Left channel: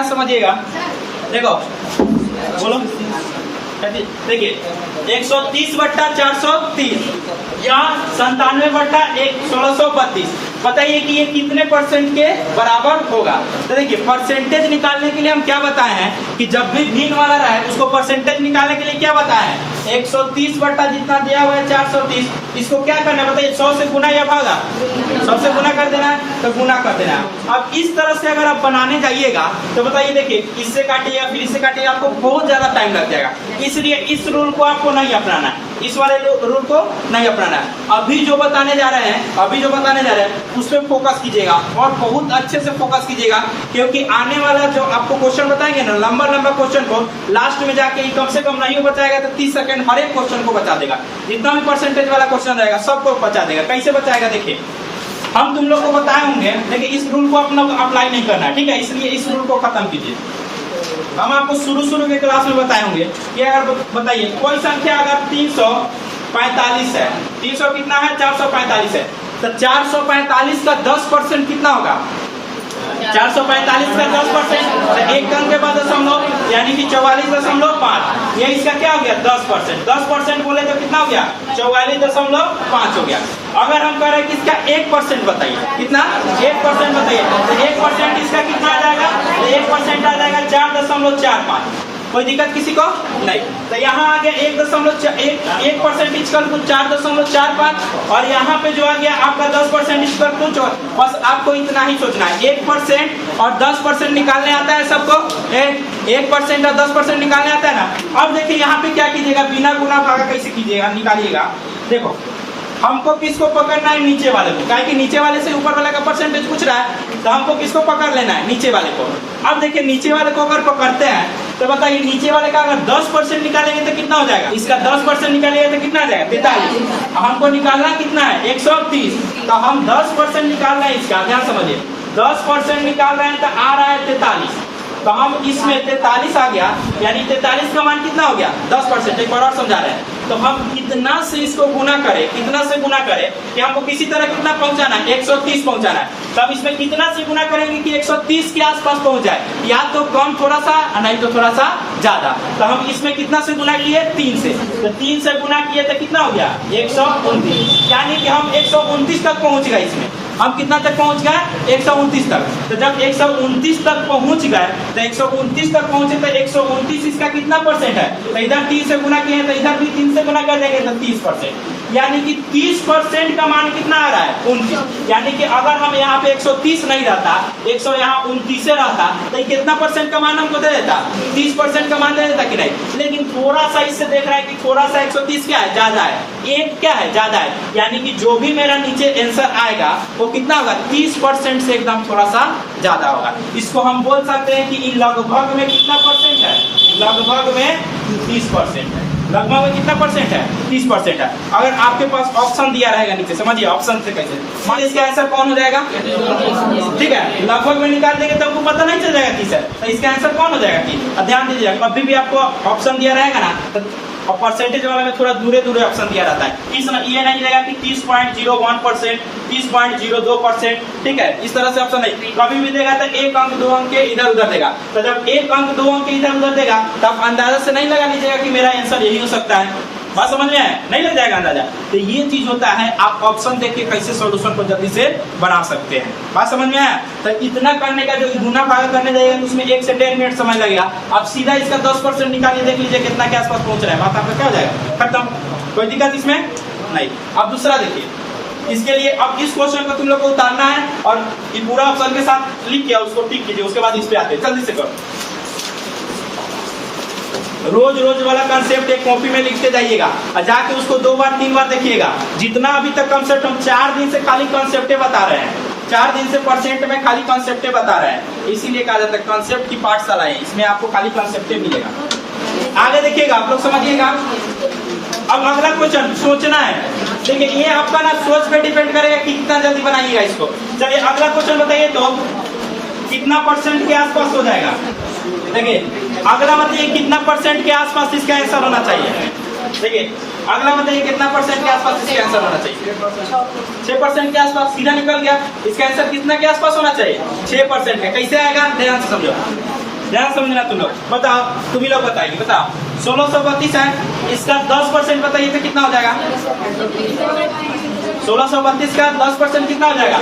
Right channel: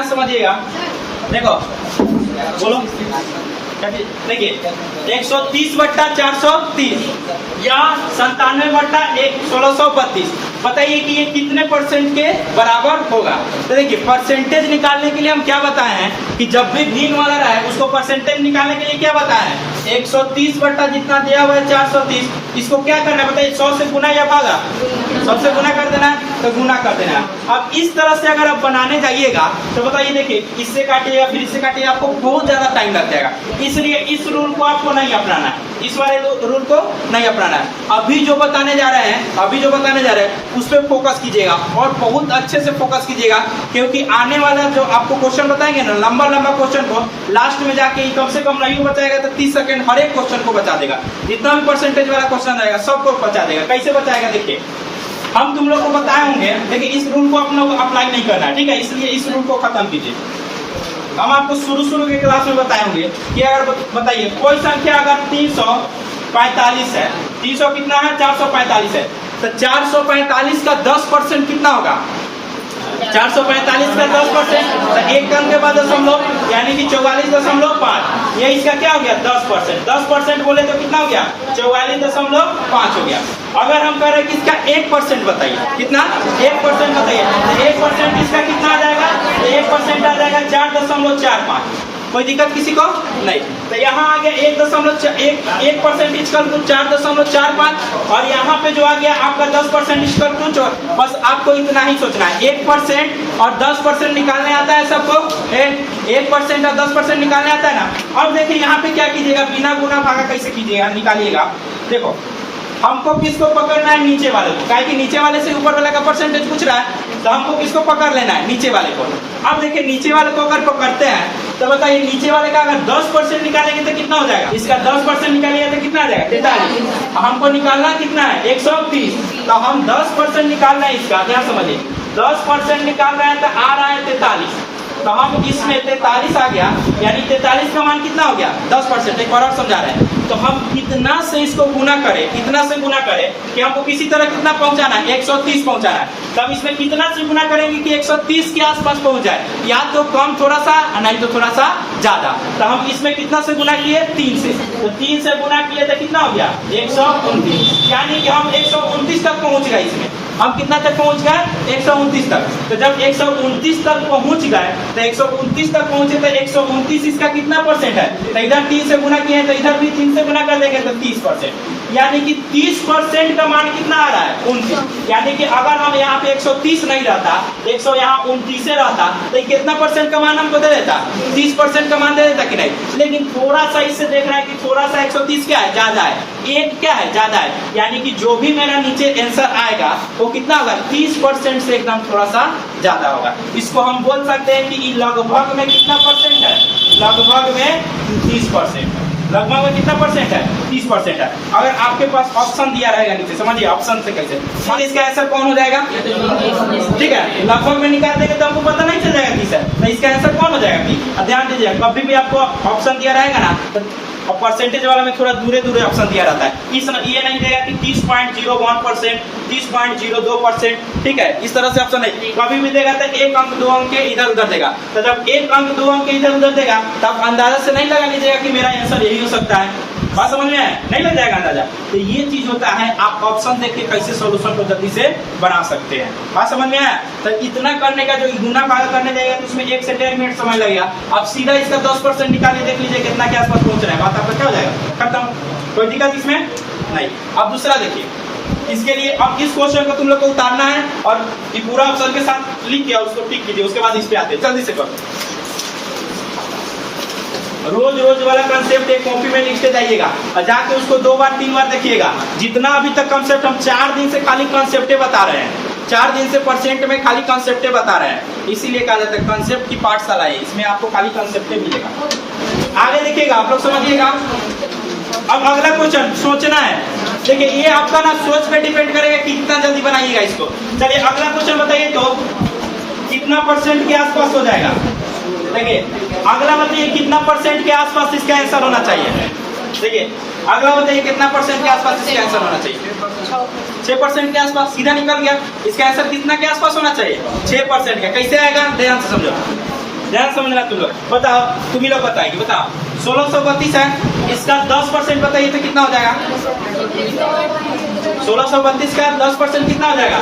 ध्यान समझिएगा। देखो बोलो, देखिए 130/430 या 97/1632, बताइए कि ये कितने परसेंट के बराबर होगा। तो देखिए परसेंटेज निकालने के लिए हम क्या बताए हैं कि जब भी भिन्न वाला रहा है उसको परसेंटेज निकालने के लिए क्या बताया है, 130 बटा जितना दिया हुआ है 430, इसको क्या करना है बताइए, 100 से गुना या भागा, 100 से गुना कर देना है, तो गुना कर देना है। अब इस तरह से अगर आप बनाने जाइएगा तो बताइए देखिए इससे काटिएगा फिर इससे काटिएगा, आपको बहुत ज्यादा टाइम लग जाएगा। इसलिए इस रूल को आपको नहीं अपनाना है, इस वाले रूल को नहीं अपनाना है। अभी जो बताने जा रहे हैं उस पर फोकस कीजिएगा और बहुत अच्छे से फोकस कीजिएगा, क्योंकि आने वाला जो आपको क्वेश्चन बताएंगे ना, लंबा लंबा क्वेश्चन को लास्ट में जाके कम से कम नहीं बचाएगा तो 30 सेकंड हर एक क्वेश्चन को बचा देगा। जितना भी परसेंटेज वाला क्वेश्चन रहेगा सबको बचा देगा। कैसे बचाएगा देखिए, हम तुम लोग को बताए होंगे, देखिए इस रूल को अपना अप्लाई नहीं करना है, ठीक है, इसलिए इस रूल को खत्म कीजिए। हम आपको शुरू के क्लास में बताए होंगे कि अगर बताइए कोई संख्या अगर 345 है, 300 कितना है 445 है, तो 445 का 10% कितना होगा, 445 का 10%, तो एक अंक के बाद दशमलव यानी कि 44.5, ये इसका क्या हो गया 10%, 10% बोले तो कितना हो गया 44.5 हो गया। अगर हम कह रहे हैं कि इसका 1% बताइए, कितना 1% बताइए, तो 1% इसका कितना आ जाएगा, 1% आ जाएगा 4.45। कोई दिक्कत किसी को नहीं। तो यहाँ आ गया 1% इक्वल टू 4.45 और यहाँ पे जो आ गया आपका 10% इक्वल टू, बस आपको इतना ही सोचना है, 1% और 10% निकालने आता है सबको, 1% और 10% निकालने आता है ना। अब देखिए यहाँ पे क्या कीजिएगा, बिना गुना भागा कैसे कीजिएगा, निकालिएगा। देखो हमको किसको पकड़ना है, नीचे वाले को, काहे कि नीचे वाले से ऊपर वाले का परसेंटेज पूछ रहा है, तो हमको किसको पकड़ लेना है, नीचे वाले को। अब देखिए नीचे वाले को अगर पकड़ते हैं तो बताइए नीचे वाले का अगर 10% निकालेंगे तो कितना हो जाएगा, इसका 10% निकालेंगे तो कितना आ जाएगा 43। हमको निकालना कितना है 130, तो हम 10% निकाल रहे हैं इसका, ध्यान समझिए 10% निकाल रहे हैं तो आ रहा है 43, तो हम इसमें 43 आ गया, यानी 43 का मान कितना हो गया 10%। एक बार और समझा रहे हैं, तो हम कितना से इसको गुना करें, कितना से गुना करें कि हमको किसी तरह कितना पहुंचाना है 130 पहुंचाना है, तब इसमें कितना से गुना करेंगे कि 130 के आसपास पहुंच जाए, या तो कम थोड़ा सा नहीं तो थोड़ा सा ज्यादा। तो हम इसमें कितना से गुना किए 3 से, तो 3 से गुना किए तो कितना हो गया 129, यानी कि हम 129 तक पहुंच गए। इसमें हम कितना तक पहुंच गए 129 तक। तो जब 129 तक पहुंच गए, तो 129 तक पहुंचे तो 129 इसका कितना परसेंट है, तो इधर 3 से गुना किए तो इधर भी 3 से गुना कर देंगे तो 30%, यानी कि 30% का मान कितना आ रहा है 29। यानी कि अगर हम यहाँ पे 130 नहीं रहता, 100 यहाँ 29 रहता, तो कितना परसेंट का मान हमको दे देता, 30% का मान दे देता कि नहीं। लेकिन थोड़ा सा इससे देख रहा है कि थोड़ा सा 130 क्या है ज्यादा है, 1 क्या है ज्यादा है, यानी कि जो भी मेरा नीचे आंसर आएगा वो कितना होगा 30% से एकदम थोड़ा सा ज्यादा होगा। इसको हम बोल सकते हैं कि लगभग में कितना परसेंट है, लगभग में 30% है। लगभग में कितना परसेंट है 30% है। अगर आपके पास ऑप्शन दिया रहेगा नीचे, समझिए ऑप्शन से कैसे, इसका आंसर कौन हो जाएगा, ठीक है, लगभग में निकाल देंगे तो आपको पता नहीं चल जाएगा कि सर तो इसका आंसर कौन हो जाएगा कि। ध्यान दीजिए कभी भी आपको ऑप्शन दिया रहेगा ना, और परसेंटेज वाला में थोड़ा दूरे दूरे ऑप्शन दिया रहता है, इस ये नहीं देगा कि 30.01%, 30.02%, ठीक है, इस तरह से ऑप्शन नहीं, कभी भी देगा तो 1 अंक 2 अंक के इधर उधर देगा। तो जब 1 अंक 2 अंक के इधर उधर देगा तब अंदाजा से नहीं लगा लीजिएगा कि मेरा आंसर यही हो सकता है, बात समझ में नहीं लग जाएगा अंदाजा। तो ये चीज होता है, आप ऑप्शन देख के कैसे सॉल्यूशन को जल्दी से बना सकते हैं, बात समझ में आया। तो इतना करने का जो गुना भागा करने जाएगा तो उसमें 1 से 1.5 मिनट समय लगेगा। आप सीधा इसका 10% निकालिए, देख लीजिए कितना के आसपास पहुंच रहा है, बात आपका क्या हो जाएगा खत्म, कोई दिक्कत इसमें नहीं। अब दूसरा देखिए, इसके लिए अब इस क्वेश्चन को तुम लोग को उतारना है और ये पूरा ऑप्शन के साथ लिख किया उसको टिक कीजिए, उसके बाद इस पे आते हैं, जल्दी से करो। रोज वाला कंसेप्ट एक कॉपी में लिखते जाइएगा और जाके उसको 2 बार 3 बार देखिएगा। जितना अभी तक कंसेप्ट हम 4 दिन से खाली कंसेप्टे बता रहे हैं, 4 दिन से परसेंट में खाली कंसेप्टे बता रहे हैं, इसीलिए कहा जाता है कंसेप्ट की पाठशाला है, इसमें आपको खाली कंसेप्टे मिलेगा। आगे देखिएगा, आप लोग समझिएगा। अब अगला क्वेश्चन सोचना है, देखिए ये आपका ना सोच पे डिपेंड करेगा कि कितना जल्दी बनाइएगा इसको। चलिए अगला क्वेश्चन बताइए तो कितना परसेंट के आसपास हो जाएगा। देखिए अगला बताइए कितना परसेंट के आसपास इसका आंसर होना चाहिए। देखिए अगला बताइए कितना परसेंट के आसपास इसका आंसर होना चाहिए। 6% के आसपास, सीधा निकल गया। इसका आंसर कितना के आसपास होना चाहिए 6% का। कैसे आएगा ध्यान से समझो। ध्यान समझना तुम लोग। बताओ, तुम ही लोग बताएगी, बताओ 1632 है, इसका 10% बताइए तो कितना हो जाएगा? 1632 का 10% कितना हो जाएगा?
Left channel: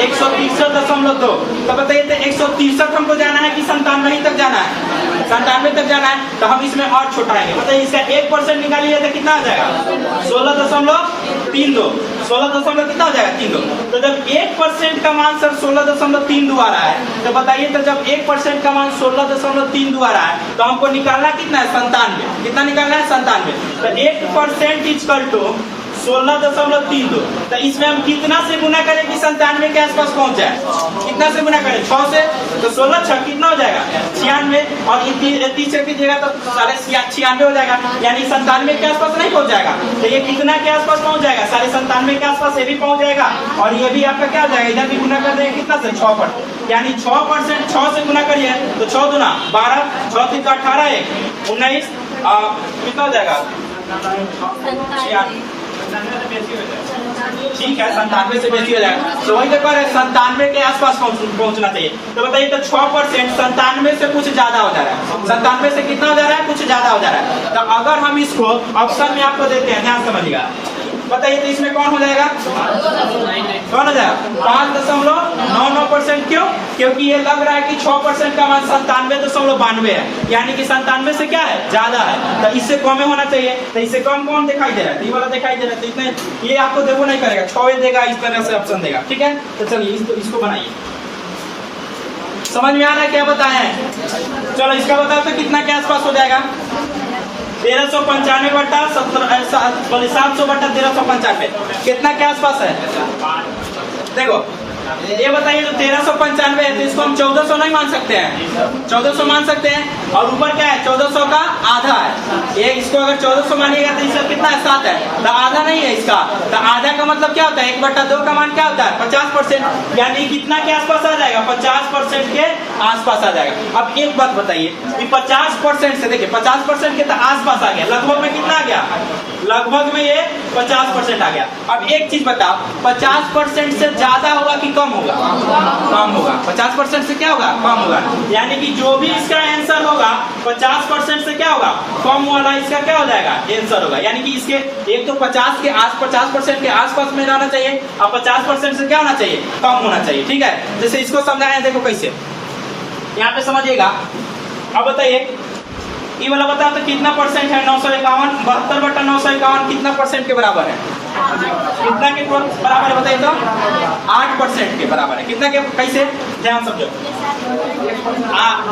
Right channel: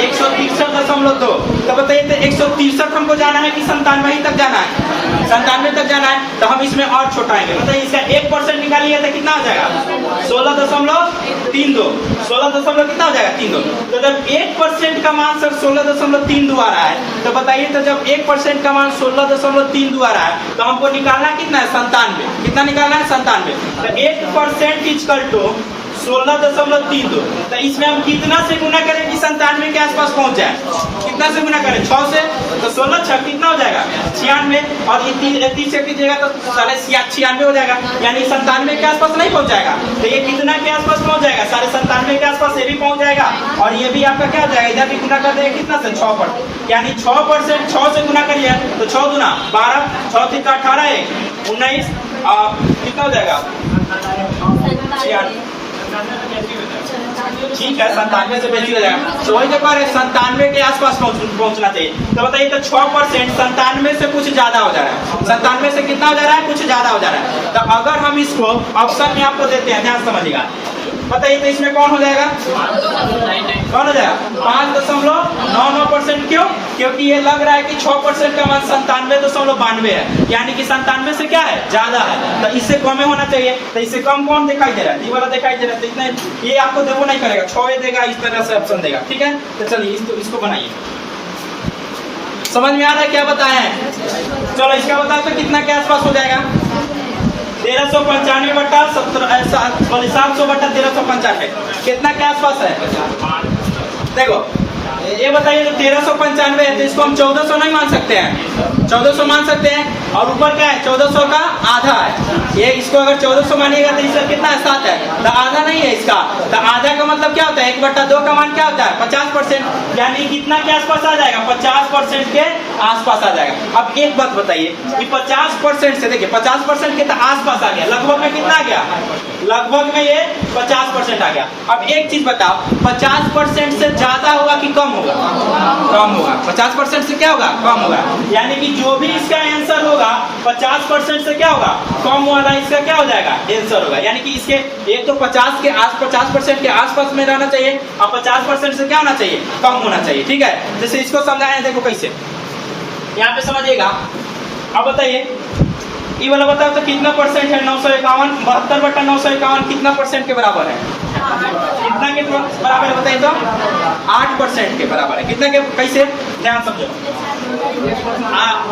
163.2। तो बताइए तो 163 हमको जाना है कि 97 तक जाना है? 97 तक जाना है, तो हम इसमें और छोटा आएंगे। बताइए इसका 1% निकालिए तो कितना हो जाएगा? 16.32। 16 कितना हो जाएगा? 32। तो जब 1% का मान सर 16.32 आ रहा है, तो बताइए तो जब 1% का मान 16.32 आ रहा है, तो हमको निकालना कितना है? 97। कितना निकालना है? 97। तो 1% इक्वल टू 16.32। तो इसमें हम कितना से गुना करें कि 97 के आसपास पहुंच जाए? कितना से गुना करें? 6 से। तो 16 6 कितना हो जाएगा? 96। और 30 से कीजिएगा तो 96 हो जाएगा, यानी 97 के आसपास नहीं पहुंच जाएगा। तो ये कितना के आसपास पहुंच जाएगा? 97.5 के आसपास ये भी पहुंच जाएगा। और ये भी आपका क्या हो जाएगा? इधर भी गुना कर देंगे कितना से? 6 पर, यानी 6%। 6 से गुना करिए तो 6 दूना 12, 6 3 का 18, 1 19, कितना हो जाएगा? ठीक है, 97 से बेसी हो जाएगा। तो वही तो कह रहे 97 के आसपास पहुंचना चाहिए। तो बताइए तो 6% 97 से कुछ ज्यादा हो जा रहा है। 97 से कितना हो जा रहा है? कुछ ज्यादा हो जा रहा है। तो अगर हम इसको ऑप्शन में आपको देते हैं, ध्यान समझिएगा, बताइए तो इसमें कौन हो जाएगा? कौन हो जाएगा? 5.99%। क्यों? क्योंकि ये लग रहा है कि 6% का मान 97.92 है, यानी कि 97 से क्या है? ज्यादा है। तो इससे कम होना चाहिए। तो इससे कम कौन दिखाई दे रहा है? ये वाला दिखाई दे रहा है। तो इतने ये आपको देखो नहीं करेगा, 6 देगा, इस तरह से ऑप्शन देगा। ठीक है, तो चलिए इसको बनाइए। समझ में आ रहा है क्या बताए हैं? चलो इसका बताओ तो कितना के आसपास हो जाएगा? 1395 बटा 700 बटा 1395 कितना के आसपास है? देखो ये बताइए, तो 1395 है, तो इसको हम 1400 नहीं मान सकते हैं? 1400 मान सकते हैं। और ऊपर क्या है? 1400 का आधा है। ये इसको अगर 1400 मानिएगा तो इसका कितना है? 7 है। तो आधा नहीं है इसका। तो आधा का मतलब क्या होता है? 1/2 का मान क्या होता है? 50%, यानी कितना के आसपास आ जाएगा? 50% के आसपास आ जाएगा। अब एक बात बताइए कि 50% से, देखिए 50% के तो आसपास आ गया, लगभग में कितना आ गया? लगभग में ये 50% आ गया। अब एक चीज बताओ, 50% से ज्यादा होगा कि कम होगा? कम होगा। 50% से क्या होगा? कम होगा। यानी कि जो भी इसका आंसर होगा 50% से क्या होगा? कम वाला इसका क्या हो जाएगा? आंसर होगा। यानी कि इसके एक तो 50% के आसपास में रहना चाहिए, और 50% से क्या होना चाहिए? कम होना चाहिए। ठीक है, जैसे इसको समझाएं, देखो कैसे, यहाँ पे समझिएगा। अब बताइए ये वाला बताओ तो कितना परसेंट है? 951। 72 बटा 951 कितना परसेंट के बराबर है? कितना के बराबर है बताइए तो? 8% के बराबर है। कितना के? कैसे? ध्यान समझो,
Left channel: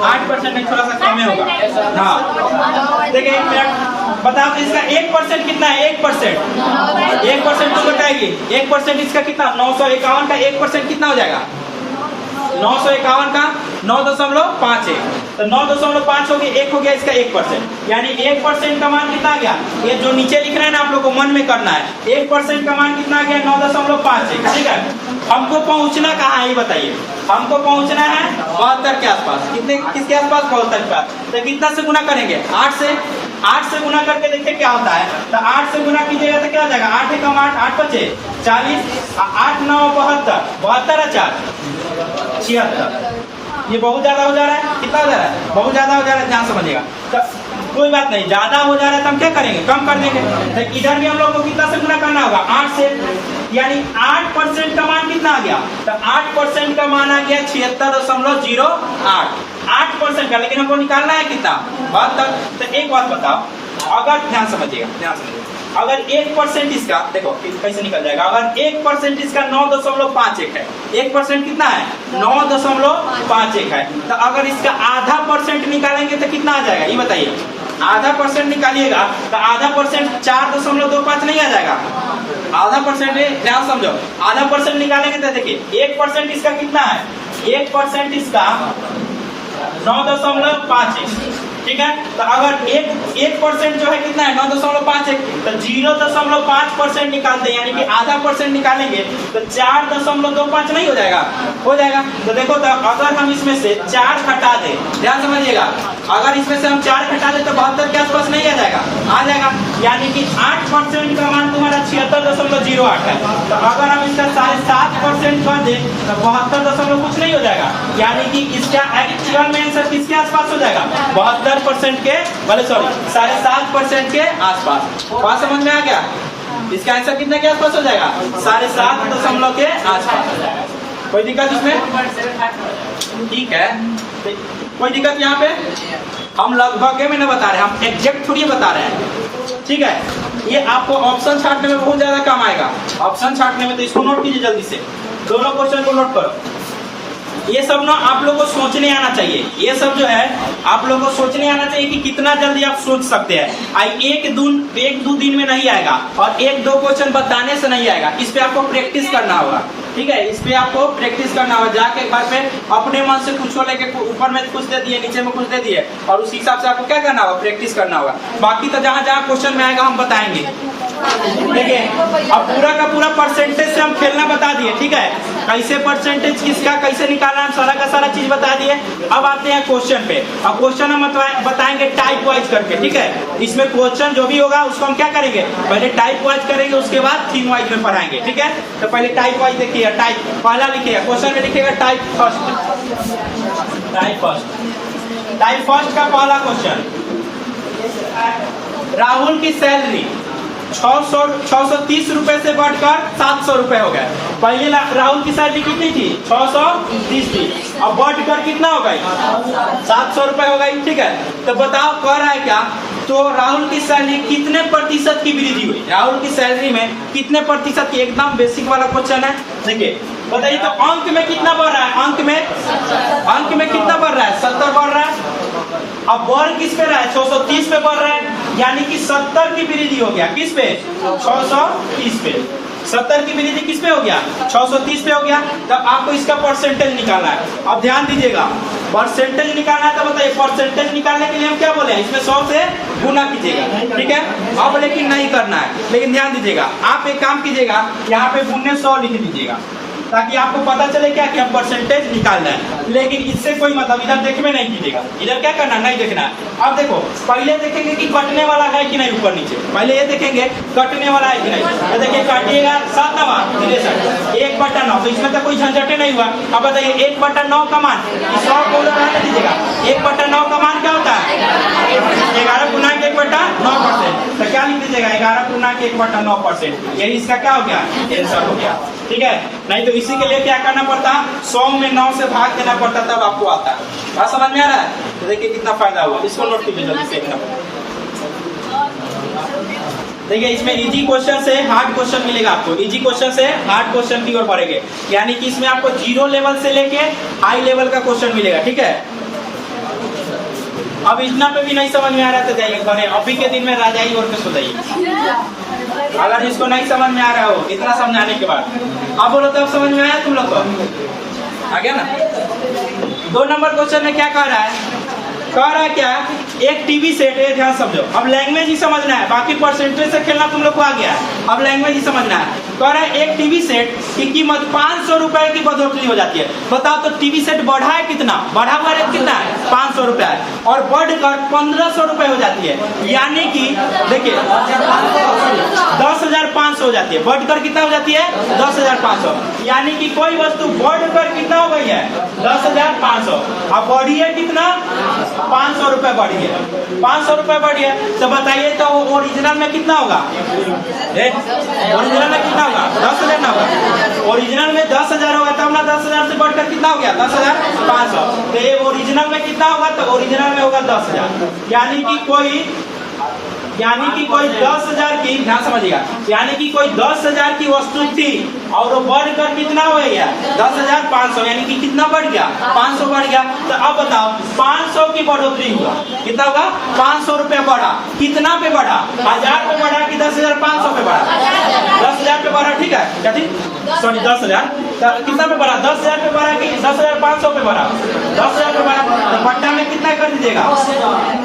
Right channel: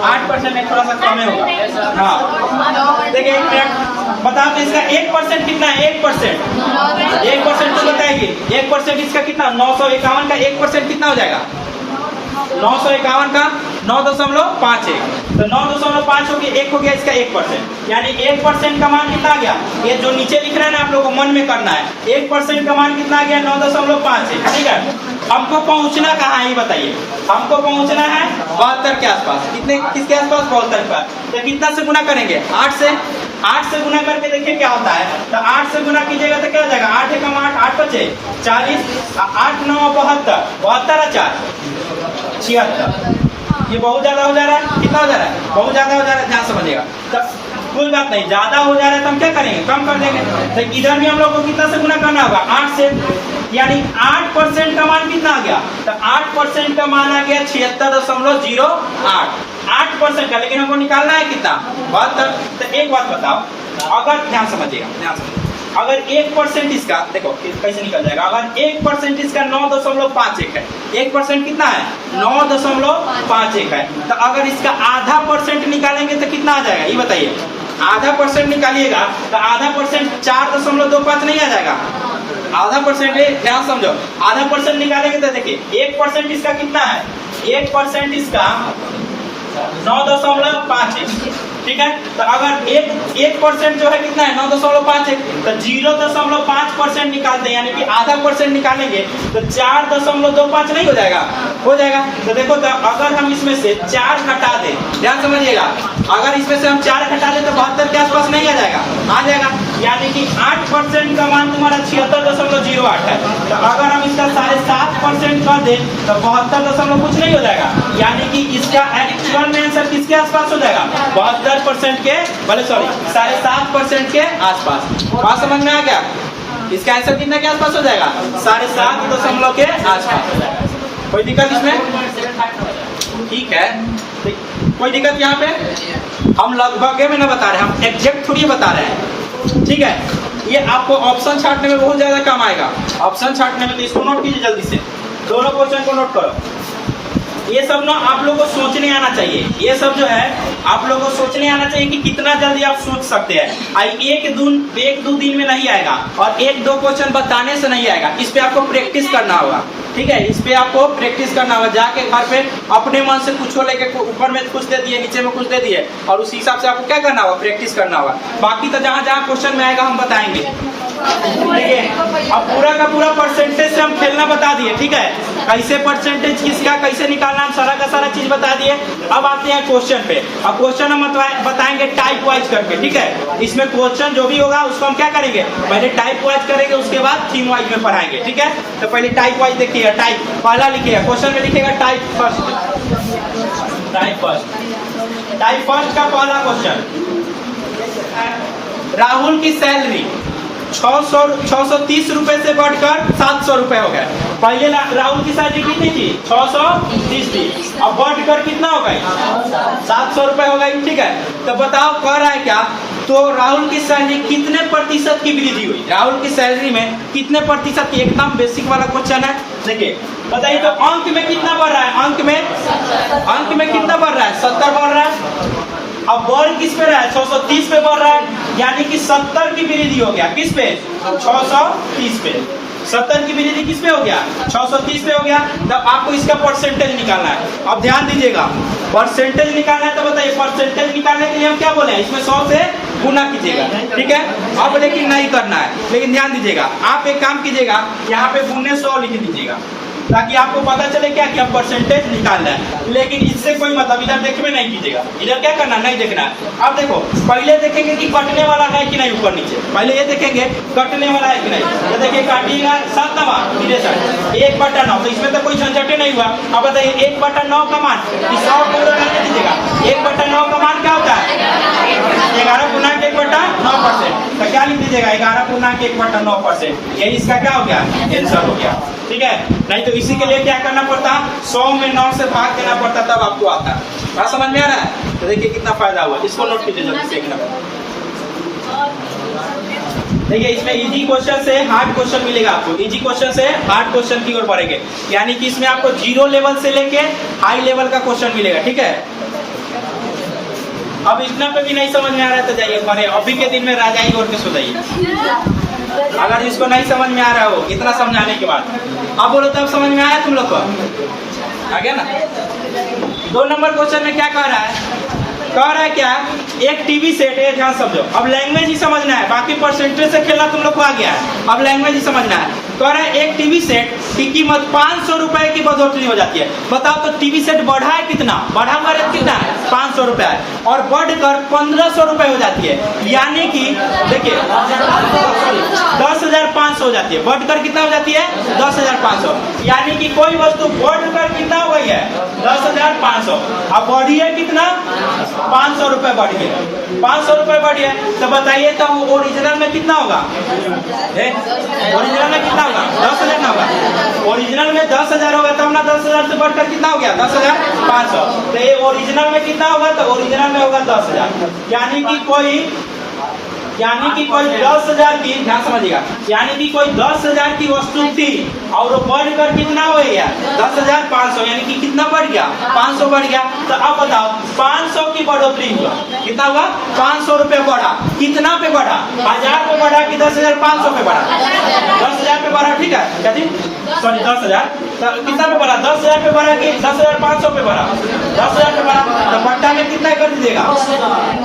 8% नहीं, थोड़ा सा कम होगा। हाँ देखिए बताओ तो इसका 1% कितना है? 1% तो बताएगी। 1% इसका कितना? 951 का 1% कितना हो जाएगा? 951 का 9.51। तो 9.5 हो गया, 1 हो गया इसका 1%, यानी 1% का मान कितना आ गया? ये जो नीचे लिख रहे हैं ना, आप लोग को मन में करना है। 1% का मान कितना आ गया? 9.51। ठीक है, हमको पहुंचना कहाँ है ये बताइए? हमको पहुंचना है 72 के आसपास। कितने? किसके आसपास? 72 के पास। तो कितना से गुना करेंगे? 8 से गुना करके देखिए क्या होता है। तो 8 से गुना कीजिएगा तो क्या हो जाएगा? 8 एकम 8, 8 5 40, 8 9 72, 72 4 76। ये बहुत ज्यादा हो जा रहा है। कितना हो जा रहा है? बहुत ज्यादा हो जा रहा है। ध्यान समझिएगा। तो कोई बात नहीं, ज्यादा हो जा रहा है तो हम क्या करेंगे? कम कर देंगे। तो इधर भी हम लोग को कितना से गुना करना होगा? 8 से, यानी 8% का मान कितना आ गया? तो 8% का मान आ गया 76.08। 8% का, लेकिन हमको निकालना है कितना? 72। तो एक बात बताओ, अगर ध्यान समझिएगा, अगर 1% इसका, देखो कैसे निकल जाएगा। अगर 1% इसका 9.51 है, 1% कितना है? 9.51 है। तो अगर इसका आधा परसेंट निकालेंगे तो कितना आ जाएगा ये बताइए? आधा परसेंट निकालिएगा तो आधा परसेंट 4.25 नहीं आ जाएगा? आधा परसेंट, ध्यान समझो, आधा परसेंट निकालेंगे तो देखिए 1% इसका कितना है? 1% इसका 9.51। ठीक है, तो अगर 1% जो है कितना है? 9.51। तो 0.5% निकालते हैं, यानी कि आधा परसेंट निकालेंगे तो 4.25 नहीं हो जाएगा? हो जाएगा। तो देखो तो अगर हम इसमें से 4 घटा दें, ध्यान समझिएगा, अगर इसमें से हम 4 घटा दें तो 72 के आसपास नहीं आ जाएगा, आ जाएगा। यानी कि 8% का मान तुम्हारा 76.08 है। तो अगर हम इसका 7.5% कर दें तो 72 कुछ नहीं हो जाएगा। यानी कि इसका एक्चुअल में आंसर किसके आसपास हो जाएगा? 72% के, भले सॉरी 7.5% के आसपास। बात समझ में आ गया? इसका आंसर कितने के आसपास हो जाएगा? 7.5 के आसपास हो जाएगा। कोई दिक्कत इसमें? ठीक है, कोई दिक्कत यहाँ पे? हम लगभग में ना बता रहे हैं, हम एग्जैक्ट थोड़ी बता रहे हैं। ठीक है, ये आपको ऑप्शन छांटने में बहुत ज्यादा काम आएगा। ऑप्शन छांटने में तो इसको नोट कीजिए जल्दी से, दोनों क्वेश्चन को नोट करो। ये सब ना आप लोगों को सोचने आना चाहिए। ये सब जो है आप लोगों को सोचने आना चाहिए कि कितना जल्दी आप सोच सकते हैं। एक दो दिन में नहीं आएगा और 1-2 क्वेश्चन बताने से नहीं आएगा। इस पे आपको प्रैक्टिस करना होगा। ठीक है, इस पे आपको प्रैक्टिस करना होगा। जाके घर पे अपने मन से कुछ को लेके ऊपर में कुछ दे दिए, नीचे में कुछ दे दिए, और उस हिसाब से आपको क्या करना होगा? प्रैक्टिस करना होगा। बाकी तो जहाँ जहाँ क्वेश्चन में आएगा हम बताएंगे। देखिए, अब पूरा का पूरा परसेंटेज से हम खेलना बता दिए। ठीक है, कैसे परसेंटेज किसका कैसे निकालना है, सारा का सारा चीज बता दिए। अब आते हैं क्वेश्चन पे। अब क्वेश्चन हम बताएंगे टाइप वाइज करके। ठीक है, इसमें क्वेश्चन जो भी होगा उसको हम क्या करेंगे? पहले टाइप वाइज करेंगे, उसके बाद थीम वाइज में पढ़ाएंगे। ठीक है, तो पहले टाइप वाइज देखिए। टाइप पहला लिखिएगा, क्वेश्चन में लिखिएगा टाइप फर्स्ट। टाइप फर्स्ट का पहला क्वेश्चन, राहुल की सैलरी 630 रुपए से बढ़कर 700 रुपए हो गए। पहले राहुल की सैलरी कितनी थी? 630 थी। अब बढ़कर कितना हो गई? 700 रुपए हो गई। ठीक है, तो बताओ कर रहा है क्या? तो राहुल की सैलरी कितने प्रतिशत की वृद्धि हुई? राहुल की सैलरी में कितने प्रतिशत की? एकदम बेसिक वाला क्वेश्चन है। देखिए बताइए, तो अंक में कितना बढ़ रहा है? अंक में कितना बढ़ रहा है? 70 बढ़ रहा है। अब वर्ग किस पे रहा है? 630 पे बढ़ रहा है। यानी कि 70 की वृद्धि हो गया। किस पे? 630 पे। 70 की वृद्धि किस पे हो गया? 630 पे हो गया। तब आपको इसका परसेंटेज निकालना है। अब ध्यान दीजिएगा, परसेंटेज निकालना है। तो बताइए, परसेंटेज निकालने के लिए हम क्या बोले हैं? इसमें 100 से गुना कीजिएगा। ठीक है, अब लेकिन नहीं करना है। लेकिन ध्यान दीजिएगा, आप एक काम कीजिएगा, यहाँ पे गुने 100 लिख दीजिएगा, ताकि आपको पता चले क्या क्या परसेंटेज निकालना है। लेकिन इससे कोई मतलब इधर देखने नहीं कीजिएगा। इधर क्या करना? नहीं देखना है। अब देखो, पहले देखेंगे कि कटने वाला है कि नहीं ऊपर नीचे। पहले ये देखेंगे कटने वाला है कि नहीं। तो देखिए, काटिएगा 7 9 63 1/9। तो इसमें तो कोई झंझटे नहीं हुआ। अब बताइए 1/9 का मान 100 को रहने दीजिएगा। 1/9 का मान क्या होता है? 11 गुना के 1/9%। तो क्या लिख दीजिएगा? 11 गुना के 1/9%। यही इसका क्या हो गया? आंसर हो गया। ठीक है, नहीं तो इसी के लिए क्या करना पड़ता? 100 में 9 से भाग देना पड़ता, तब आपको आता। बात समझ में आ रहा है? तो देखिए कितना फायदा हुआ। इसको नोट कीजिए जल्दी से। देखिए, इसमें इजी क्वेश्चन से हार्ड क्वेश्चन मिलेगा आपको। इजी क्वेश्चन से हार्ड क्वेश्चन की ओर बढ़ेंगे। यानी कि इसमें आपको 0 लेवल से लेके हाई लेवल का क्वेश्चन मिलेगा। ठीक है, अब इतना पे भी नहीं समझ में आ रहा है तो जाइए घरे, अभी के दिन में राजाई ओर के सो जाइए। अगर इसको नहीं समझ में आ रहा हो इतना समझाने के बाद, अब बोलो तो अब समझ में आया तुम लोग को? आ गया ना? 2 नंबर क्वेश्चन में क्या कह रहा है? कह रहा है क्या? एक टीवी सेट है, ध्यान समझो। अब लैंग्वेज ही समझना है, बाकी परसेंटेज से खेलना तुम लोग को आ गया है। अब लैंग्वेज ही समझना है। कह रहा है एक टीवी सेट की कीमत 500 रुपए की बढ़ोतरी हो जाती है। बताओ तो टीवी सेट बढ़ा है कितना? बढ़ा हुआ रेट कितना है? 500 रुपए है, और बढ़कर 1500 रुपए हो जाती है। यानी कि देखिए 10,500 हो जाती है। बढ़कर कितना हो जाती है? 10,500। यानी कि कोई वस्तु बढ़कर कितना हो गई है? 10,500। अब बढ़ी है कितना? 500 रुपए बढ़ी है। 500 रुपए बढ़ी है, तो बताइए तो ओरिजिनल में कितना होगा? ओरिजिनल में कितना होगा? 10,000 ना होगा? ओरिजिनल में 10,000 होगा, तब ना 10,000 से बढ़कर कितना हो गया? 10,500। तो ये ओरिजिनल में कितना होगा? तो ओरिजिनल में होगा 10,000। यानी कि कोई 10,000 की, ध्यान समझिएगा, यानी कि कोई 10,000 की वस्तु थी और वो बढ़कर कितना हो गया? 10,500। यानी कि कितना बढ़ गया? 500 बढ़ गया। तो अब बताओ 500 की बढ़ोतरी हुआ, कितना हुआ? 500 रुपए बढ़ा। कितना पे बढ़ा? 1000 पे बढ़ा कि 10,500 पे बढ़ा? 10,000 पे बढ़ा। ठीक है, क्या थी? सॉरी 10,000। तो कितना पे बढ़ा? 10,000 पे बढ़ा कि 10,500 पे बढ़ा? 10,000 पे बढ़ा। तो बट्टा में कितना कर दीजिएगा?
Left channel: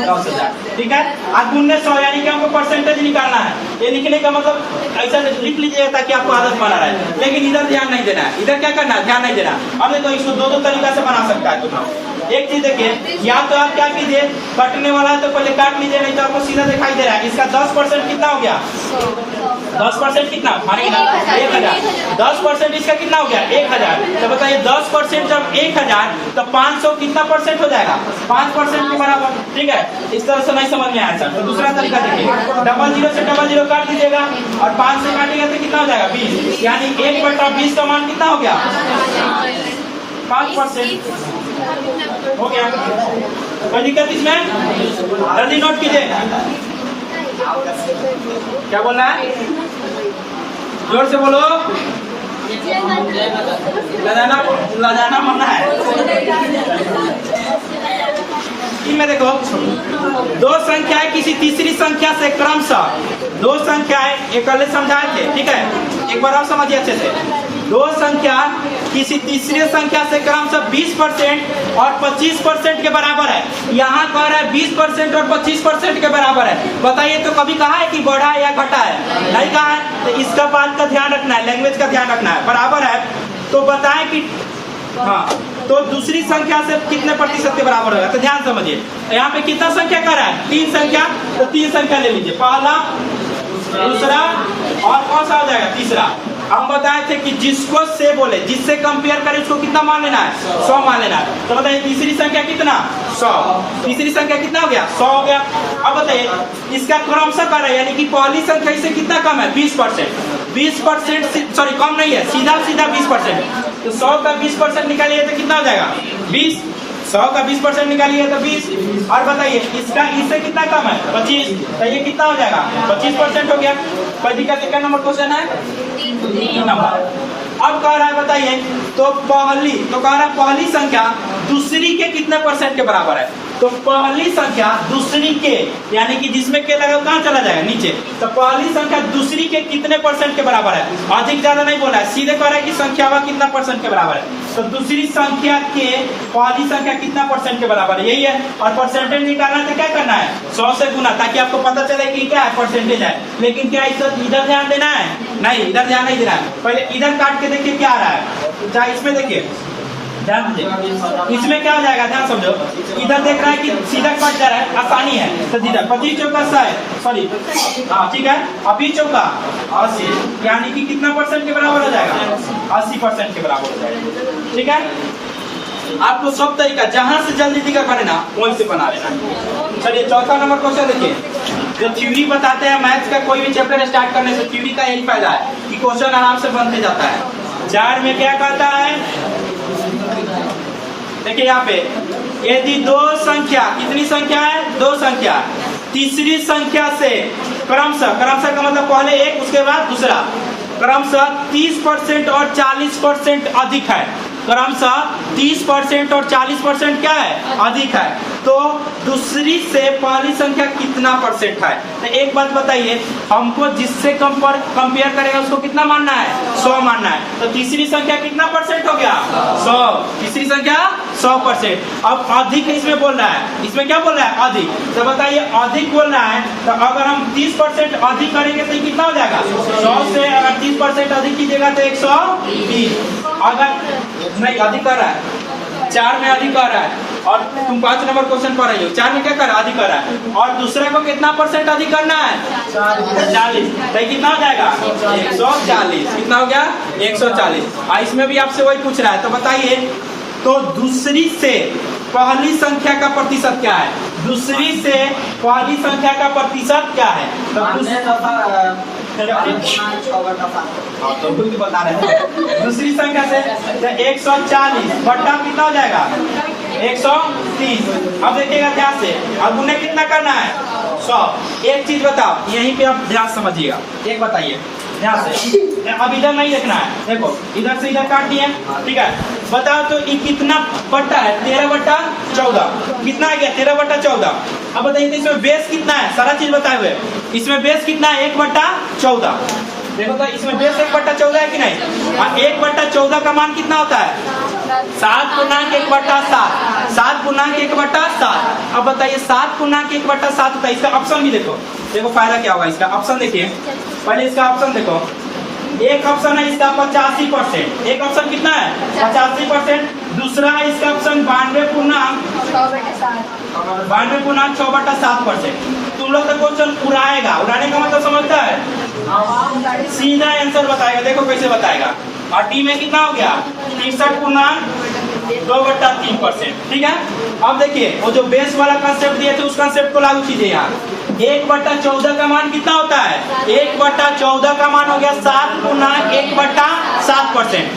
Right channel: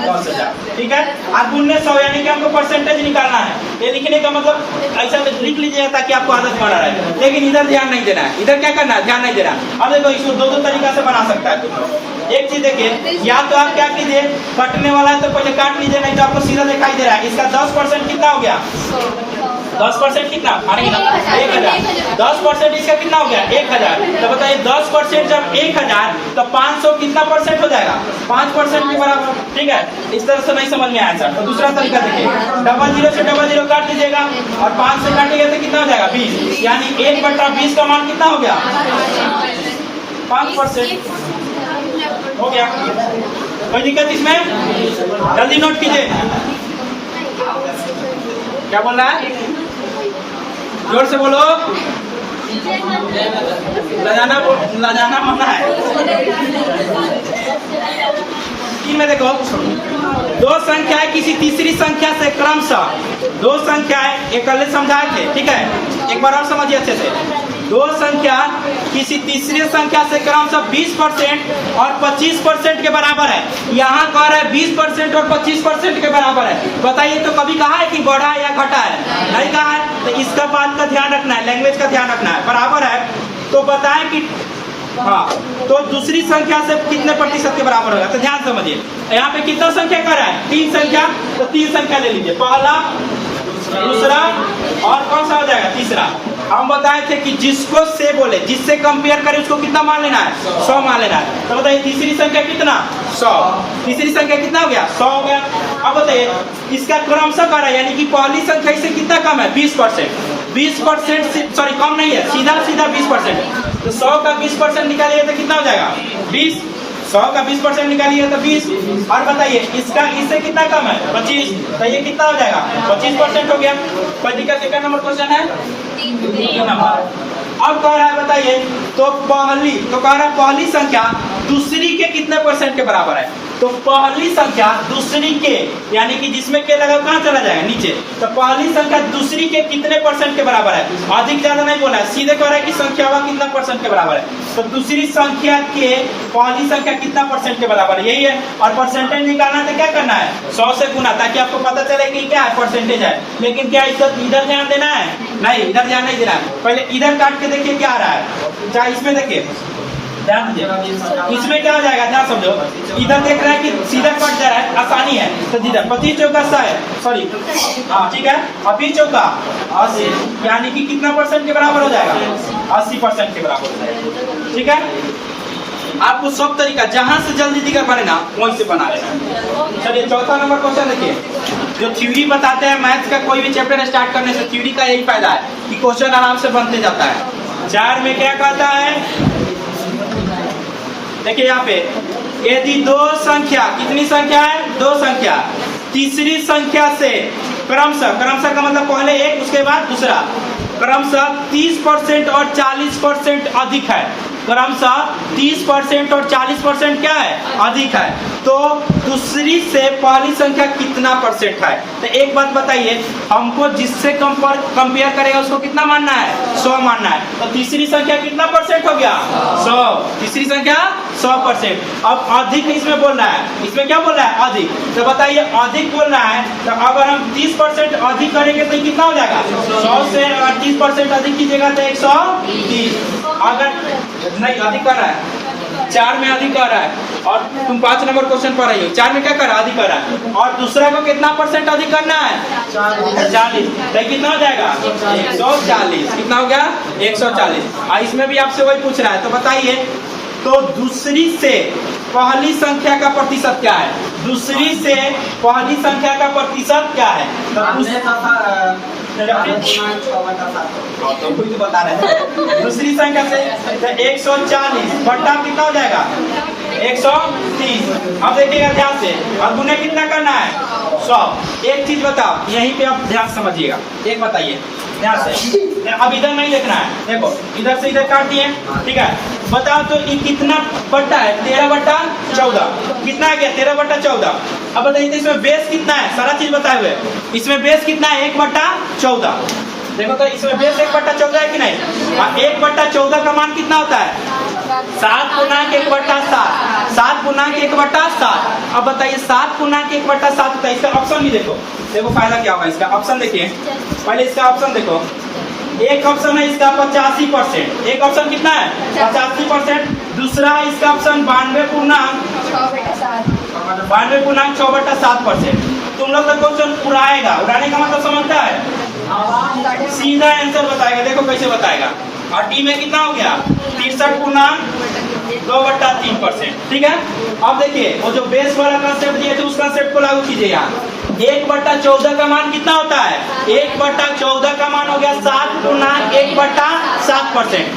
10,000। ठीक है, और 1900 यानी बताइए कि हमको परसेंटेज निकालना है। ये लिखने का मतलब ऐसा लिख लीजिएगा ताकि आपको आदत बना रहे, लेकिन इधर ध्यान नहीं देना है। इधर क्या करना है, ध्यान नहीं देना। अब देखो इसको दो तरीका से बना सकता है तुम लोग। एक चीज देखिए, या तो आप क्या कीजिए, कटने वाला है तो पहले काट लीजिए, नहीं तो आपको सीधा दिखाई दे रहा है। इसका 10% कितना हो गया, 10% कितना, 1000। 10% इसका कितना हो गया, 1000। तो बताइए 10% जब 1000 तो 500 कितना परसेंट हो जाएगा, 5% के बराबर। ठीक है, इस तरह से नहीं समझ में आया सर। तो दूसरा तरीका देखिए, 00 से 00 काट दीजिएगा और 5 से काटेगा तो कितना हो जाएगा, 20। यानी 1/20 का मान कितना हो गया, 5% हो गया। कोई दिक्कत इसमें, जल्दी नोट कीजिए। क्या बोल रहा है, जोर से बोलो। लजाना मना है। इनमें देखो, दो संख्या है किसी तीसरी संख्या से क्रमशः, दो संख्या है, एक कल समझाए थे। ठीक है, एक बार और समझिए अच्छे से। दो संख्या किसी तीसरी संख्या से क्रमशः 20% और 25% के बराबर है। यहाँ कह रहा है 20% और 25% के बराबर है। बताइए तो कभी कहा है कि बढ़ा है या घटा है, नहीं कहा है। तो इसका बात का ध्यान रखना है, लैंग्वेज का ध्यान रखना है। बराबर है तो बताएं कि हाँ, तो दूसरी संख्या से कितने प्रतिशत के बराबर होगा। तो ध्यान समझिए, यहाँ पे कितना संख्या कर रहा है, 3 संख्या। तो 3 संख्या ले लीजिए, पहला, दूसरा और कौन सा हो जाएगा, तीसरा। हम बताए थे कि जिसको से बोले, जिससे कंपेयर करें उसको कितना मान लेना है, 100 मान लेना है। तो बताइए तीसरी संख्या कितना, 100। तीसरी संख्या कितना हो गया, 100 हो गया। अब बताइए इसका क्रमशः कर रहा है, यानी कि पहली संख्या से कितना कम है, 20%। 20% सॉरी कम नहीं है, सीधा 20%। तो 100 का 20% निकालिए तो कितना हो जाएगा, 20। 100 का 20% निकालिए तो 20। और बताइए इसका इससे कितना कम है, 25। तो ये कितना हो जाएगा, 25% हो गया। कोई दिक्कत, एक नंबर क्वेश्चन है, 3 नंबर। अब कह रहा है बताइए, तो कह रहा है पहली संख्या दूसरी के कितने परसेंट के बराबर है। तो पहली संख्या दूसरी के, यानी कि जिसमें के लगा कहाँ चला जाएगा, नीचे। तो पहली संख्या दूसरी के कितने परसेंट के बराबर है, अधिक ज्यादा नहीं बोला है, सीधे कह रहा है कि संख्या कितना परसेंट के बराबर है। तो दूसरी संख्या के पहली संख्या कितना परसेंट के बराबर है, यही है। और परसेंटेज निकालना तो क्या करना है, 100 से गुना, ताकि आपको पता चले कि क्या है, परसेंटेज है। लेकिन क्या इधर ध्यान देना है, नहीं, इधर ध्यान नहीं देना है। पहले इधर काट के देखिए क्या आ रहा है, चाहे इसमें देखिए, ध्यान दीजिए। इसमें क्या हो जाएगा, ध्यान समझो। इधर देख रहा है कि सीधा कट जा रहा है, आसानी है। तो इधर 25 चौका 100 है, सॉरी हाँ ठीक है, 20 चौका 80, यानी कि कितना परसेंट के बराबर हो जाएगा, 80% के बराबर हो जाएगा। ठीक है, आपको सब तरीका जहां से जल्दी दिक्कत बने ना वहीं से बना लेना। चलिए चौथा नंबर क्वेश्चन देखिए। जो थ्योरी बताते हैं मैथ्स का, कोई भी चैप्टर स्टार्ट करने से थ्योरी का यही फायदा है कि क्वेश्चन आराम से बनते जाता है। 4 में क्या कहता है, देखिए यहाँ पे, यदि दो संख्या, कितनी संख्या है, 2 संख्या, तीसरी संख्या से क्रमशः का मतलब पहले एक उसके बाद दूसरा, क्रमशः 30% और 40% अधिक है। क्रमशः 30% और 40% क्या है, अधिक है। तो दूसरी से पहली संख्या कितना परसेंट है। तो एक बात बताइए, हमको जिससे कंपेयर करेगा उसको कितना मानना है, 100 मानना है। तो तीसरी संख्या कितना परसेंट हो गया, 100। तीसरी संख्या 100%। अब अधिक इसमें बोल रहा है, इसमें क्या बोल रहा है, अधिक। तो बताइए अधिक बोल रहा है, तो अगर हम 30% अधिक करेंगे तो कितना हो जाएगा, 100 से अगर 30% अधिक कीजिएगा तो 130। अगर नहीं अधिक कर रहा है, 4 में अधिक कर रहा है, और तुम 5 नंबर क्वेश्चन पढ़ रही हो, 4 में क्या कर रहा है, अधिक कर रहा है। और दूसरा को कितना परसेंट अधिक करना है, 40। तो कितना हो जाएगा, 140। कितना हो गया, 140। इसमें भी आपसे वही पूछ रहा है। तो बताइए, तो दूसरी से पहली संख्या का प्रतिशत क्या है, दूसरी से पहली संख्या का प्रतिशत क्या है। तो बता रहे हैं, दूसरी संख्या से 140 बट्टा कितना हो जाएगा, 130। अब देखिएगा ध्यान से, अब उन्हें कितना करना है, 100। एक चीज बताओ, यहीं पे आप ध्यान समझिएगा, एक बताइए ध्यान से। अब इधर नहीं देखना है, देखो इधर से इधर काट दिए, ठीक है। बताओ तो ये कितना बट्टा है, 13/14। कितना है क्या, 13/14। अब बताइए तो इसमें बेस कितना है, सारा चीज बताए हुए। इसमें बेस कितना है, 1/14। देखो तो इसमें बेस 1/14 है कि नहीं। 1/14 का मान कितना होता है, 7 गुना 1/7। 7 गुना 1/7। अब बताइए 7 गुना 1/7 होता है, इसका ऑप्शन भी देखो, देखो फायदा क्या होगा इसका। ऑप्शन देखिए, पहले इसका ऑप्शन देखो। एक ऑप्शन है इसका 85%, एक ऑप्शन कितना है 85%। दूसरा है इसका ऑप्शन 92.6/7%। तुम लोग का क्वेश्चन उड़ाएगा, उड़ाने का मतलब समझता है, सीधा आंसर बताएगा। देखो कैसे बताएगा। और डी में कितना हो गया 63.2/3%। ठीक है। अब देखिए वो जो बेस वाला कंसेप्ट दिए थे उस कंसेप्ट को लागू कीजिए। यहाँ 1/14 का मान कितना होता है, 1/14 का मान हो गया 7 गुना 1/7%।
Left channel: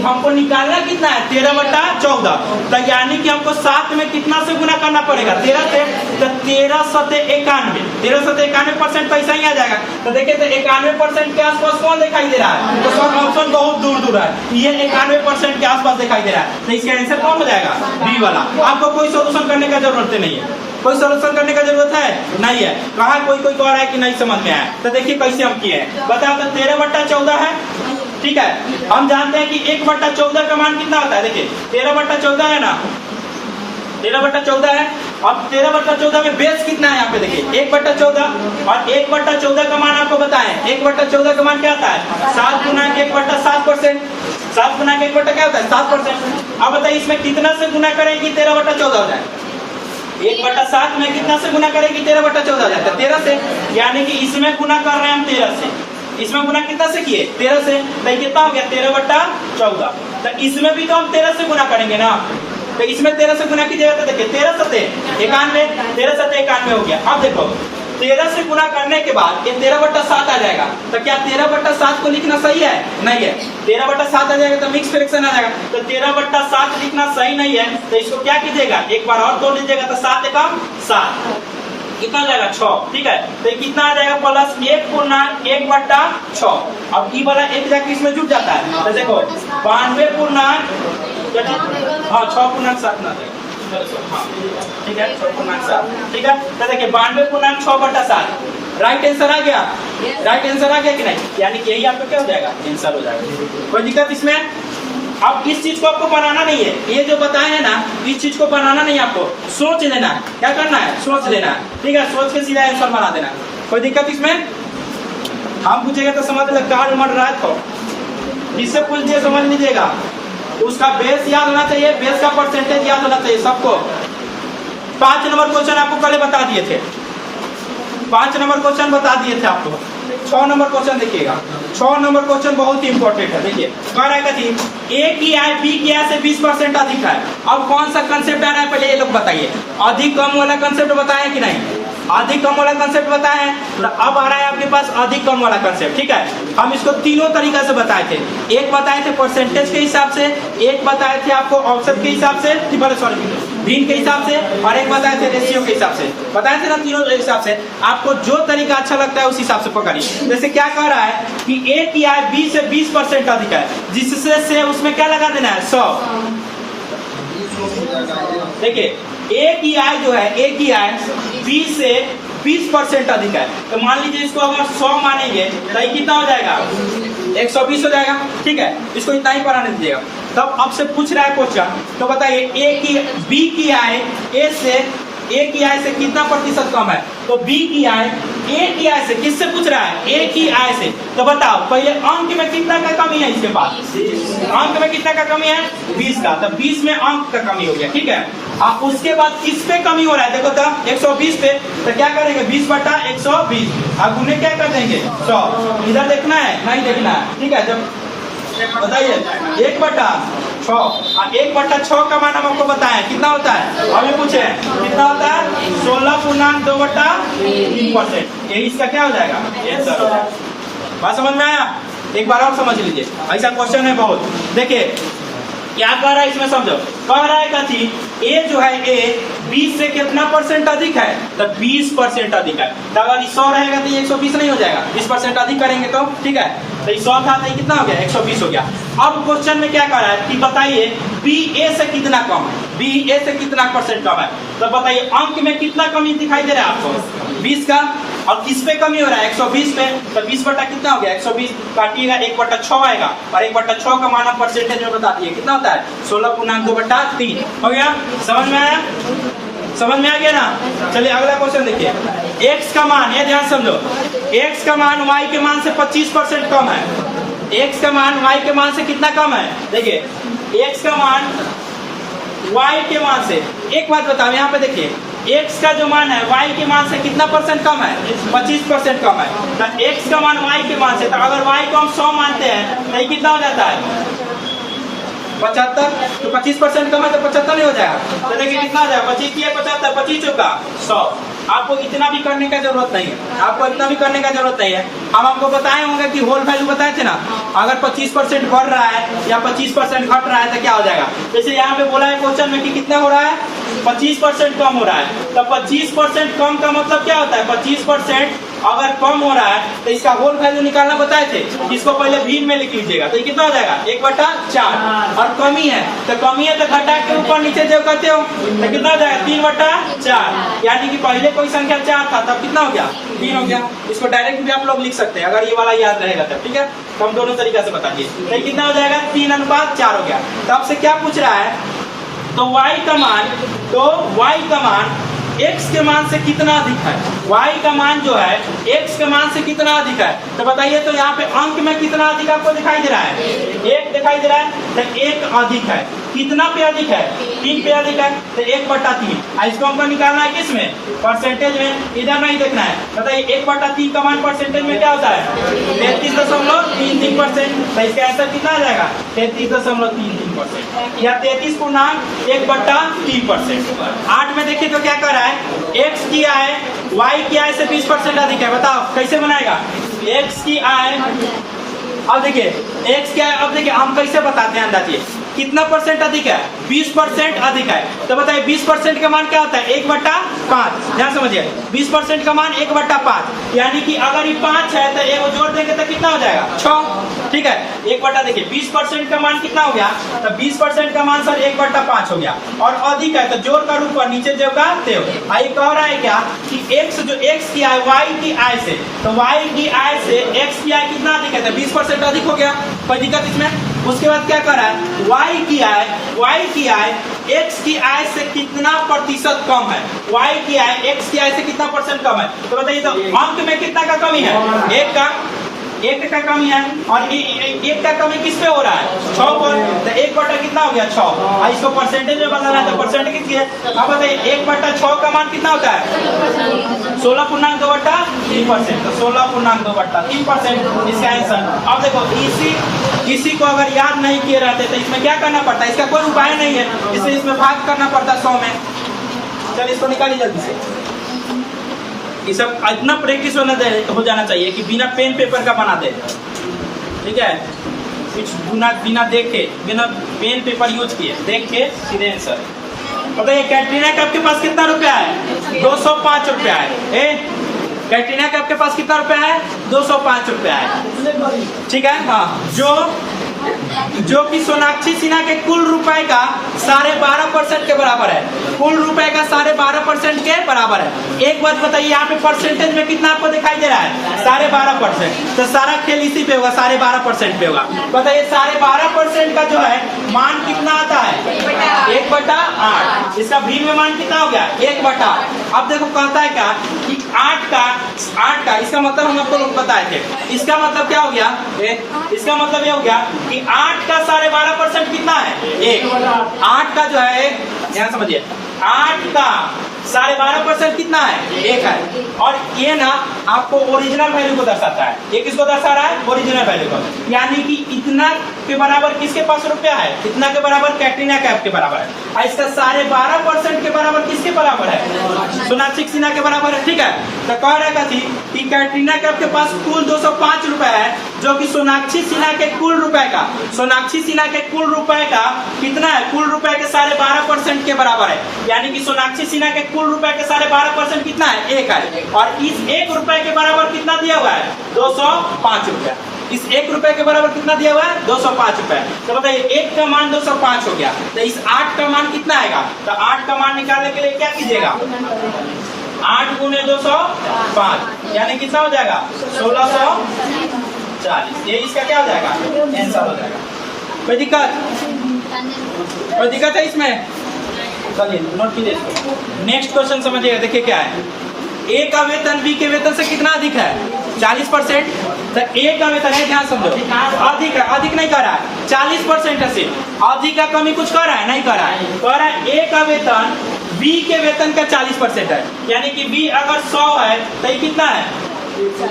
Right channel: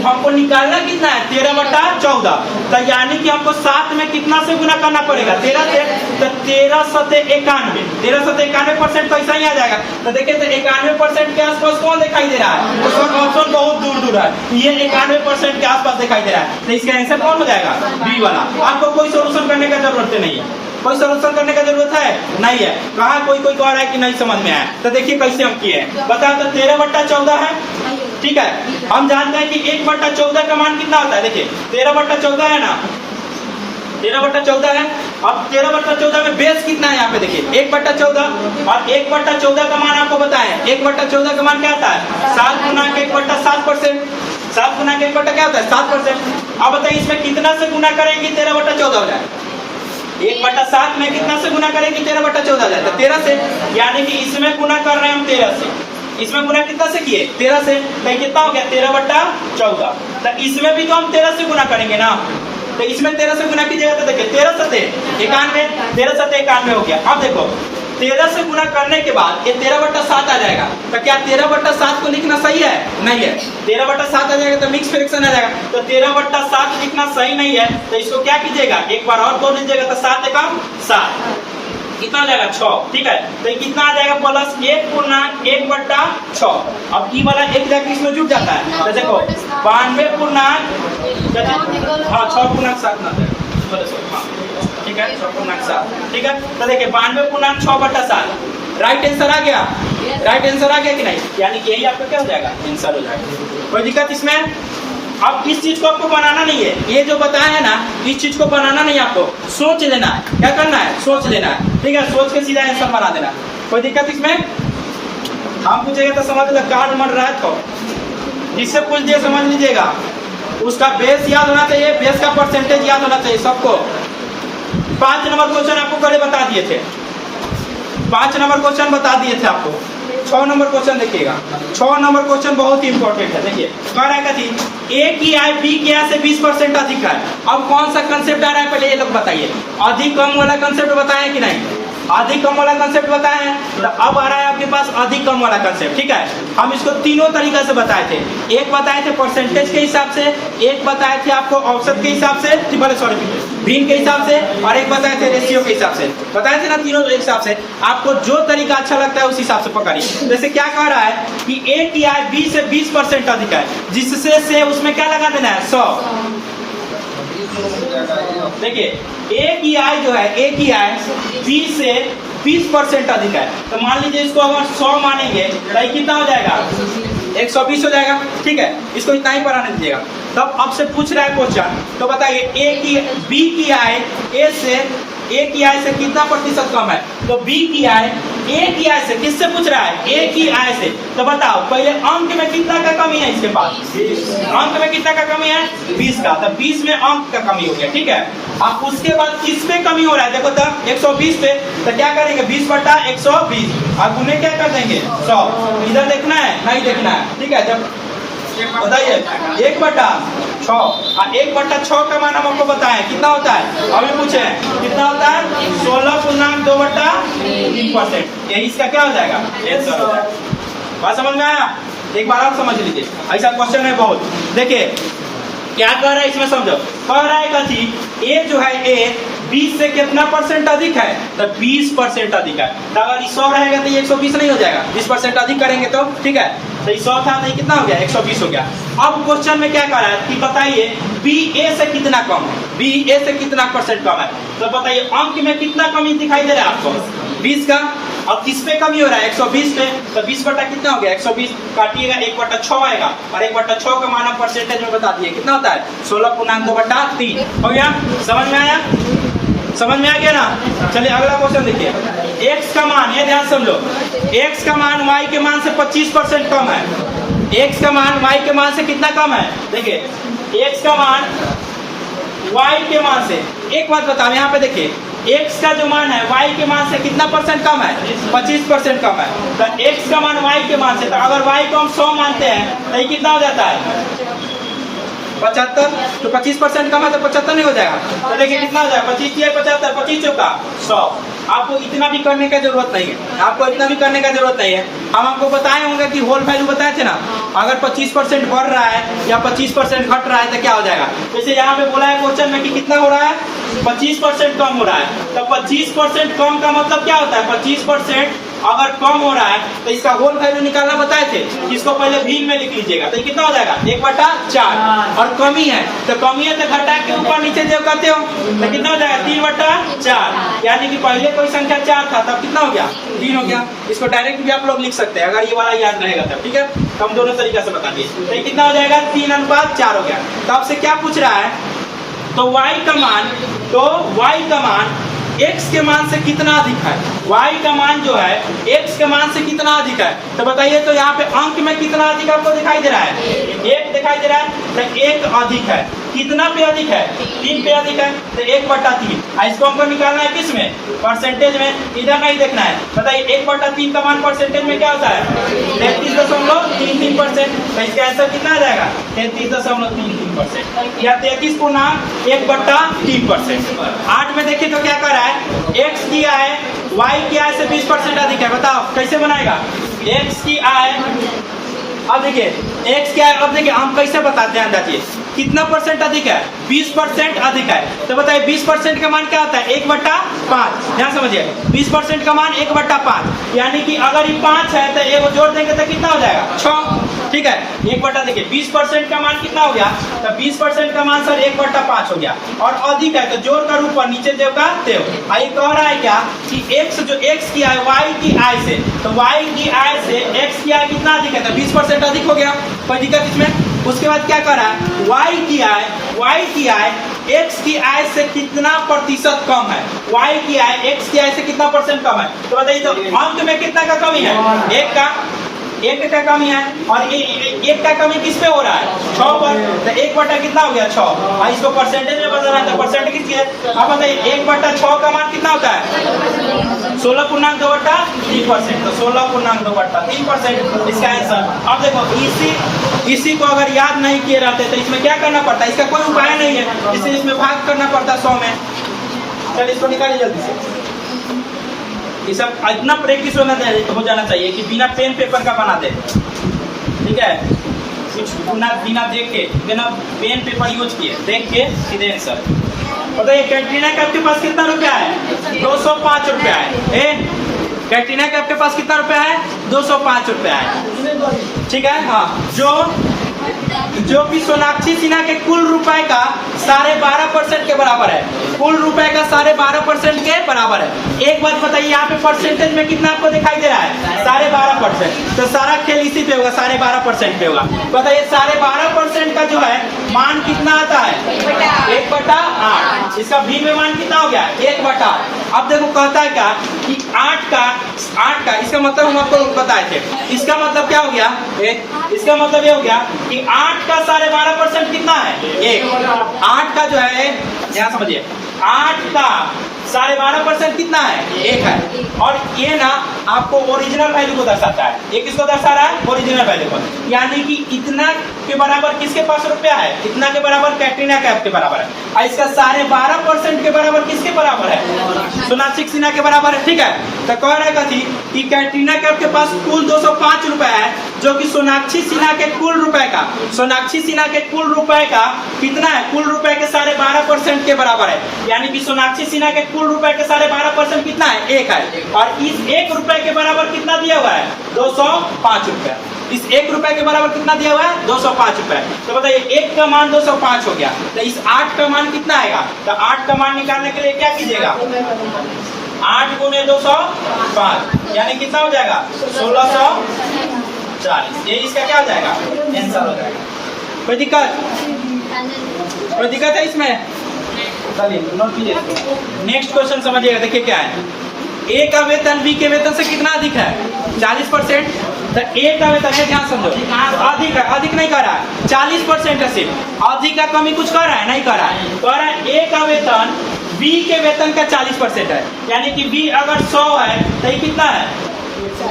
हमको निकालना कितना है 13/14, तो यानी कि हमको 7 में कितना से गुना करना पड़ेगा 13 से, तो 13 सते 91% तो ऐसा ही आ जाएगा। तो देखिए तो 91% के आसपास कौन दिखाई दे रहा है, तो सब ऑप्शन बहुत दूर दूर है, ये 91% के आसपास दिखाई दे रहा है, तो इसका आंसर कौन हो जाएगा बी वाला। आपको कोई सोल्यूशन करने का जरूरत नहीं है, कोई सोल्यूशन करने का जरूरत है नहीं है। कहा कोई कह रहा है कि नहीं समझ में आया, तो देखिए कैसे हम किए हैं। बताओ तो 13/14 है, ठीक है। हम जानते हैं कि 1/14 का मान कितना होता है। देखिए 13/14 है ना, 13/14 है। अब 13/14 में बेस कितना है, यहाँ पे देखिए 1/14, और 1/14 का मान आपको बताएं, 1/14 का मान क्या आता है 7 गुना 1/7%। 7 गुना 1 क्या होता है 7%। अब बताइए इसमें कितना से गुना करेंगे 13/14 हो जाए, 1/7 में कितना से गुना करेंगे 13/14 हो जाए, तो 13 से। यानी कि इसमें गुना कर रहे हैं हम 13 से, इसमें गुना कितना से किए 13 से, तो कितना हो गया 13/14। तो इसमें भी तो हम 13 से गुना करेंगे ना, तो इसमें 13 से गुना कीजिएगा तो देखिए 13 सते 91, 13 सते 91 हो गया। अब देखो 13 से गुना करने के बाद ये 13/7 आ जाएगा, तो क्या 13/7 को लिखना सही है, नहीं है। 13/7 आ जाएगा तो मिक्स फ्रैक्शन आ जाएगा, तो 13/7 लिखना सही नहीं है, तो इसको क्या कीजिएगा एक बार और तोड़ लीजिएगा, तो 7 एकम 7 कितना आ जाएगा 6। ठीक है, तो कितना आ जाएगा प्लस 1 गुना 1/6। अब ई वाला एक जाके इसमें जुट जाता है, तो देखो 92 गुना 6 गुना 7 ना, ठीक है 6 गुना 7, ठीक है। तो देखिए 92 गुना 6/7 राइट आंसर आ गया, राइट आंसर आ गया कि नहीं, यानी कि यही आपका क्या हो जाएगा आंसर हो जाएगा। कोई दिक्कत इसमें। अब इस चीज को आपको बनाना नहीं है, ये जो बताया है ना इस चीज को बनाना नहीं है, आपको सोच लेना है, क्या करना है सोच लेना है, ठीक है। सोच के सीधा आंसर बना देना, कोई दिक्कत इसमें। हम पूछेगा तो समझ लो कार्ड मर रहा है, तो जिससे पूछ दिए समझ लीजिएगा, उसका बेस याद होना चाहिए, बेस का परसेंटेज याद होना चाहिए सबको। 5 नंबर क्वेश्चन आपको पहले बता दिए थे, 5 नंबर क्वेश्चन बता दिए थे आपको। 6 नंबर क्वेश्चन देखिएगा, 6 नंबर क्वेश्चन बहुत ही इंपॉर्टेंट है। देखिए कह रहा है कि ए की आय बी की आय से 20% अधिक है। अब कौन सा कंसेप्ट आ रहा है पहले ये लोग बताइए, अधिक कम वाला कंसेप्ट बताया कि नहीं, अधिक कम वाला कंसेप्ट बताए हैं, तो अब आ रहा है आपके पास अधिक कम वाला कंसेप्ट। ठीक है, हम इसको तीनों तरीका से बताए थे, एक बताए थे परसेंटेज के हिसाब से, एक बताए थे आपको औसत के हिसाब से, सॉरी मीन के हिसाब से, और एक बताए थे रेशियो के हिसाब से, बताए थे ना तीनों हिसाब से। आपको जो तरीका अच्छा लगता है उस हिसाब से पकड़िए। जैसे क्या कह रहा है कि ए की आय बी से 20% अधिक है, जिससे से उसमें क्या लगा देना है 100। देखिए ए की आय जो है, ए की आय बी से 20% अधिक है, तो मान लीजिए इसको अगर 100 मानेंगे तो कितना हो जाएगा 120 हो जाएगा। ठीक है, इसको इतना ही बनाने दीजिएगा। तब आपसे पूछ रहा है क्वेश्चन, तो बताइए बी की आय ए की आय से कितना प्रतिशत कम है, तो बी की आय ए की आय से किससे पूछ रहा है, ए की आय से। तो बताओ पहले अंक में कितना का कमी है इसके पास, अंक में कितना का कमी है 20 का, तो 20 में अंक का कमी हो गया। ठीक है, अब उसके बाद किस पे कमी हो रहा है, देखो तब 120 पे, तो क्या करेंगे 20/120, अब उन्हें क्या कर देंगे 100। इधर देखना है नहीं देखना है, ठीक है। जब बताइए 1/6 और 1/6 का मान हम आपको बताएं कितना होता है, अभी पूछे कितना होता है 16.2/3%। यही इसका क्या हो जाएगा आंसर हो जाएगा। बात समझ में आया, एक बार आप समझ लीजिए, ऐसा क्वेश्चन है बहुत। देखिए क्या कह रहा है इसमें समझो, कह रहा है कि ए जो है ए 20 से कितना परसेंट अधिक है, तो 20% अधिक है। तो अगर 100 रहेगा तो 120 नहीं हो जाएगा, 20% अधिक करेंगे तो। ठीक है, तो 100 था तो कितना हो गया 120 हो गया। अब क्वेश्चन में क्या कह रहा है कि बताइए बी ए से कितना कम, बी ए से कितना परसेंट कम है, तो बताइए अंक में कितना कमी दिखाई दे रहा है आपको 20 का, और किस पे कमी हो रहा है 120 पे, तो 20 बटा कितना हो गया 120 काटिएगा 1/6 आएगा और 1/6 का मान परसेंटेज में बता दिए कितना होता है 16.2/3 हो गया। समझ में आया, समझ में आ गया ना। चलिए अगला क्वेश्चन देखिए। x का मान, ये ध्यान समझो, x का मान y के मान से 25% कम है। x का मान y के मान से कितना कम है, देखिए x का मान y के मान से, एक बात बताओ यहाँ पे देखिए x का जो मान है y के मान से कितना परसेंट कम है 25% कम है। तो x का मान y के मान से, तो अगर y को हम 100 मानते हैं तो ये कितना हो जाता है 75, तो 25% कम है तो 75 नहीं हो जाएगा। तो देखिए कितना हो जाएगा 25 या 75, 25 चौका 100। आपको इतना भी करने का जरूरत नहीं है, आपको इतना भी करने का जरूरत नहीं है। हम आपको बताए होंगे कि होल वैल्यू बताए थे ना, अगर 25% बढ़ रहा है या 25% घट रहा है तो क्या हो जाएगा। जैसे यहाँ पे बोला है क्वेश्चन में कि कितना हो रहा है 25% कम हो रहा है, तो 25% कम का मतलब क्या होता है 25% अगर कम हो रहा है तो इसका होल वैल्यू निकालना बताए थे, इसको पहले भीन में लिख लीजिएगा। तो ये कितना हो जाएगा 1/4। और कमी है तो कमी है तो घटा के ऊपर नीचे जो कहते हो तो कितना हो जाएगा 3/4। यानी कि पहले कोई संख्या 4 था तब कितना हो गया 3 हो गया। इसको डायरेक्ट भी आप लोग लिख सकते हैं अगर ये वाला याद रहेगा तब, ठीक है। तो हम दोनों तरीका से बता दिए। तो कितना हो जाएगा 3/4 हो गया। तो आपसे क्या पूछ रहा है, तो y का मान x के मान से कितना अधिक है, y का मान जो है x के मान से कितना अधिक है। तो बताइए, तो यहाँ पे अंक में कितना अधिक आपको दिखाई दे रहा है 1 दिखाई दे रहा है, तो 1 अधिक है। कितना पे अधिक है 3 पे अधिक है, तो 1/3। इसको हमको निकालना है किस में परसेंटेज में, इधर नहीं देखना है। बताइए 1/3 का मान परसेंटेज में क्या होता है 33.33%। तो इसका आंसर कितना आ जाएगा 33.33% या 33.1/3%। 8 में देखिए तो क्या कर रहा है x की आय y की आय से 20% अधिक है। बताओ कैसे बनाएगा x की आय। अब देखिए x क्या है, अब देखिए हम कैसे बताते हैं अंदाजिए कितना परसेंट अधिक है 20% अधिक है। तो बताइए 20% का मान क्या होता है 1/5। ध्यान समझिए 20% का मान 1/5, यानी कि अगर ये 5 है तो एक जोड़ देंगे तो कितना हो जाएगा 6, ठीक है। 1/, देखिए 20% का मान कितना हो गया, तो 20% का मान सर 1/5 हो गया। और अधिक है तो जोड़ का ऊपर नीचे देव का देव। आई कह रहा है क्या कि x जो x की आय y की आय से, तो y की आय से x की आय कितना अधिक है, तो 20% अधिक हो गया, कोई दिक्कत इसमें। उसके बाद क्या कर रहा है y की आय x की आय से कितना प्रतिशत कम है, y की आय x की आय से कितना परसेंट कम है। तो बताइए तो अंक में कितना का कमी है 1 का कमी है। और 1 का कमी किस पे हो रहा है 6 पर, तो 1 कितना हो गया 6। इसको परसेंटेज में बदलना है तो परसेंटेज किसकी है। अब बताइए 1/6 का मान कितना होता है 16.2/3%। तो 16.2/3% इसका आंसर। अब देखो इसी को अगर याद नहीं किए रहते तो इसमें क्या करना पड़ता है, इसका कोई उपाय नहीं है, इसलिए इसमें भाग करना पड़ता 100 में। चलिए इसको निकालिए जल्दी से। ये सब इतना प्रैक्टिस हो जाना चाहिए कि बिना पेन पेपर का बना दे, ठीक है। कुछ बिना देखे, बिना पेन पेपर यूज किए, देख के सीधे आंसर। बताइए कैटरीना कैफ के पास कितना रुपया है 205 रुपया है। कैटरीना कैफ के पास कितना रुपया है 205 रुपया है, ठीक है। हाँ, जो कि सोनाक्षी सिन्हा के कुल रुपए का 12.5% के बराबर है। कुल रुपए का 12.5% के बराबर है। एक बात बताइए यहाँ पे परसेंटेज में कितना आपको दिखाई दे रहा है 12.5%। तो सारा खेल इसी पे होगा 12.5% पे होगा। बताइए 12.5% का जो है मान कितना आता है 1/8। इसका भी में मान कितना हो गया 1/8। अब देखो कहता है क्या कि 8 का इसका मतलब हम आपको बताए थे। इसका मतलब क्या हो गया, इसका मतलब ये हो गया कि 8 का 12.5% कितना है 1। 8 का जो है यहाँ समझिए 8 का 12.5% कितना है 1 है। और ये ना आपको ओरिजिनल वैल्यू को दर्शाता है। ये किसको दर्शा रहा है ओरिजिनल वैल्यू को, यानी कि इतना के बराबर किसके पास रुपया है, इतना के बराबर कैटरीना कैफ के बराबर है। और इसका 12.5% के बराबर किसके बराबर है सोनाक्षी सिन्हा के बराबर है, ठीक है। तो कह रहे थी कि कैटरीना कैफ के पास कुल 205 रुपए है, जो कि सोनाक्षी सिन्हा के कुल रुपए का कितना है, कुल रुपए के 12.5% के बराबर है। यानी कि सोनाक्षी सिन्हा के कुल रुपए के 12.5% कितना है 1 है। और इस 1 रुपए के बराबर कितना दिया हुआ है 205 रुपया। इस 1 रुपए के बराबर कितना दिया हुआ है 205 रुपए। तो बताइए 1 का मान 205 हो गया, तो इस 8 का मान कितना आएगा। तो 8 का मान निकालने के लिए क्या कीजिएगा 8 गुने 205 यानी कितना हो जाएगा 1640। ये इसका क्या हो जाएगा आंसर हो जाएगा। कोई दिक्कत है इसमें? चलिए नोट कीजिए। नेक्स्ट क्वेश्चन समझिएगा, देखिए क्या है। ए का वेतन बी के वेतन से कितना अधिक है 40%। तो ए का वेतन है, ध्यान समझो, अधिक है, अधिक नहीं कर रहा है 40% है सिर्फ। अधिक का कमी कुछ कर रहा है नहीं कर रहा है, कह रहा है ए का वेतन बी के वेतन का 40% है, यानी कि बी अगर 100 है तो ये कितना है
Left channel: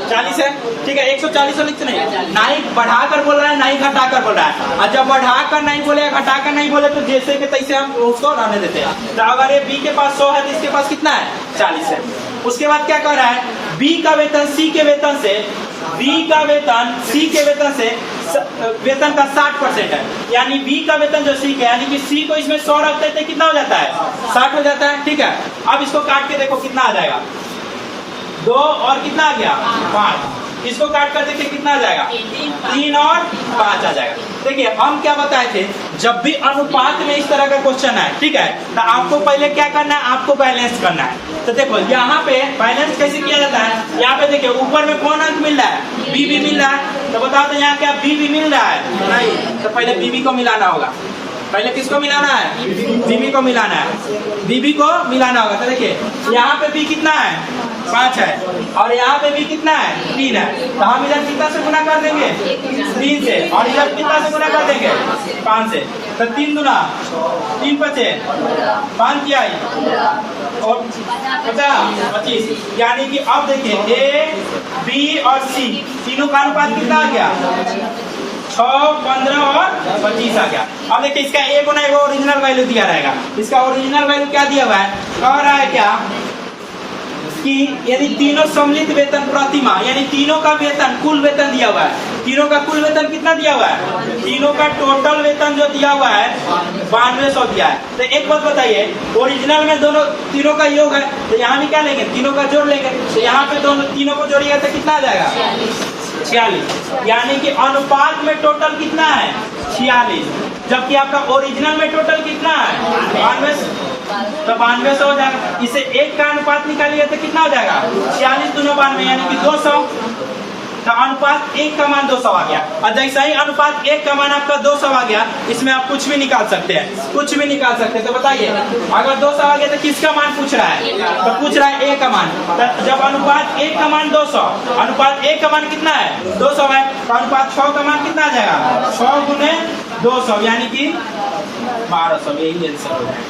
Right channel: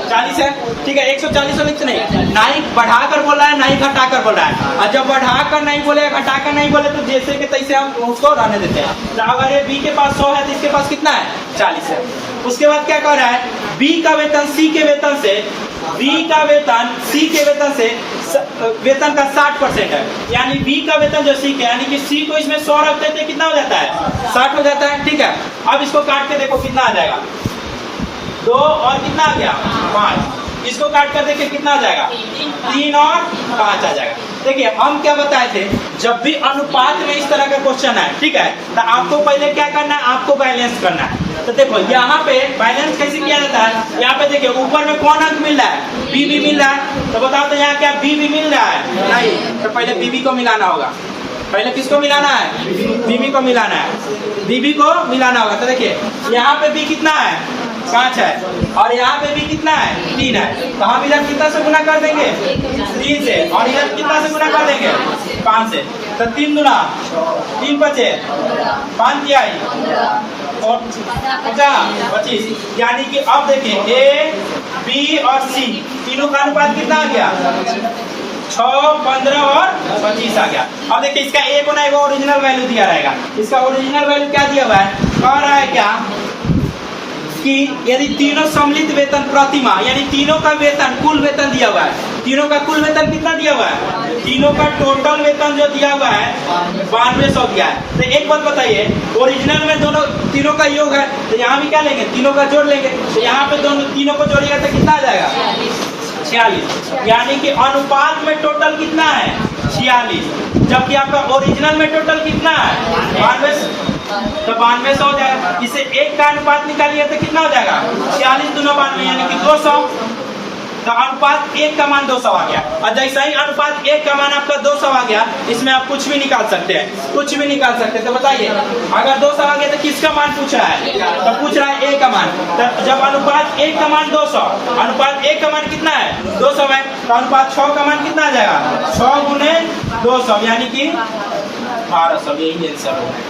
40 है। ठीक है 140 लिखते नहीं बढ़ाकर बोल रहा है नहीं घटाकर बोल रहा है। और जब बढ़ाकर नहीं बोले घटाकर नहीं बोले तो जैसे कि तैसे हम उसको रहने देते हैं। तो अगर ये बी के पास 100 है तो इसके पास कितना है 40 है। उसके बाद क्या कर रहा है, बी का वेतन सी के वेतन से, बी का वेतन सी के वेतन से वेतन का 60% है, यानी बी का वेतन जो सी का, यानी कि सी को इसमें 100 रखते थे कितना हो जाता है 60 हो जाता है। ठीक है अब इसको काट के देखो कितना आ जाएगा 2 और कितना आ गया 5। इसको काट कर देखिए कितना आ जाएगा 3 और 5 आ जाएगा। देखिए हम क्या बताए थे, जब भी अनुपात में इस तरह का क्वेश्चन है, ठीक है, तो आपको पहले क्या करना है, आपको बैलेंस करना है। तो देखो यहाँ पे बैलेंस कैसे किया जाता है, यहाँ पे देखिए ऊपर में कौन अंक मिल रहा है, बी भी मिल रहा है। तो बताओ तो यहाँ क्या बी भी मिल रहा है नहीं, तो पहले बीबी को मिलाना होगा। पहले किसको मिलाना है, बीबी को मिलाना है, बीबी को मिलाना होगा। तो देखिए यहाँ पे बी कितना है 5 है और यहाँ पे भी कितना है 3 है। तो हम इधर कितना से गुना कर देंगे 3 से, और इधर कितना से गुना कर देंगे 5 से। तो 3 गुना 3 बचे 5 किया और 25, यानी कि अब देखिए ए बी और सी तीनों का अनुपात कितना आ गया 6, 15 और 25 आ गया। अब देखिए इसका ए गुना वो ओरिजिनल वैल्यू दिया रहेगा। इसका ओरिजिनल वैल्यू क्या दिया हुआ है, कह रहा है क्या कि यदि तीनों सम्मिलित वेतन प्रतिमा, यानी तीनों का वेतन कुल वेतन दिया हुआ है, तीनों का कुल वेतन कितना दिया हुआ है, तीनों का टोटल वेतन जो दिया हुआ है 9200 दिया है। तो एक बात बताइए, ओरिजिनल में दोनों तीनों का योग है, तो यहाँ भी क्या लेंगे तीनों का जोड़ लेंगे। तो यहाँ पे दोनों तीनों को जोड़िएगा तो कितना आ जाएगा 46, यानी कि अनुपात में टोटल कितना है 46, जबकि आपका ओरिजिनल में टोटल कितना है 9200। तो 9200 हो जाएगा। इसे एक का अनुपात निकालिए तो कितना हो जाएगा 46 दूना 92 यानी कि 200। तो अनुपात 1 का मान 200 आ गया। और जैसा ही अनुपात 1 का मान आपका 200 आ गया, इसमें आप कुछ भी निकाल सकते हैं, कुछ भी निकाल सकते हैं। तो बताइए अगर 200 आ गया तो किसका मान पूछ रहा है, तो पूछ रहा है ए का मान। तो जब अनुपात 1 का मान 200, अनुपात 1 का मान कितना है 200 है, तो अनुपात 6 का मान कितना आ जाएगा 6 गुने 200 यानी कि 1200। यही आंसर हो जाएगा।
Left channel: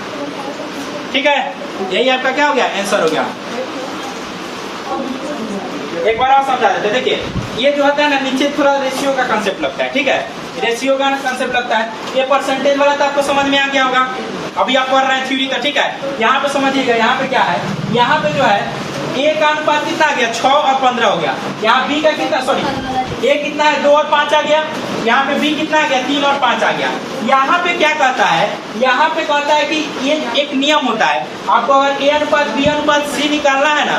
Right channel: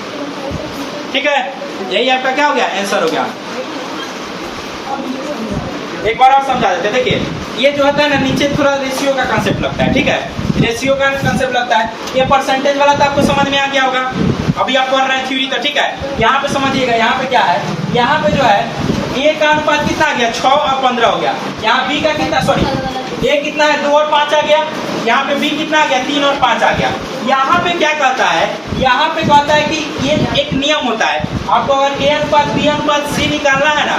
ठीक है यही आपका क्या हो गया आंसर हो गया। एक बार और समझा देते। देखिए ये जो होता है ना, नीचे थोड़ा रेशियो का कंसेप्ट लगता है। ठीक है रेशियो का कंसेप्ट लगता है। ये परसेंटेज वाला तो आपको समझ में आ गया होगा, अभी आप पढ़ रहे हैं थ्योरी। तो ठीक है यहाँ पे समझिएगा, यहाँ पे क्या है, यहाँ पे जो है ए का अनुपात कितना आ गया 6 और 15 हो गया। यहाँ बी का कितना, सॉरी ए कितना है 2 और 5 आ गया। यहाँ पे बी कितना आ गया 3 और 5 आ गया। यहाँ पे क्या कहता है, यहाँ पे कहता है कि ये एक नियम होता है, आपको अगर ए अनुपात बी अनुपात सी निकालना है ना,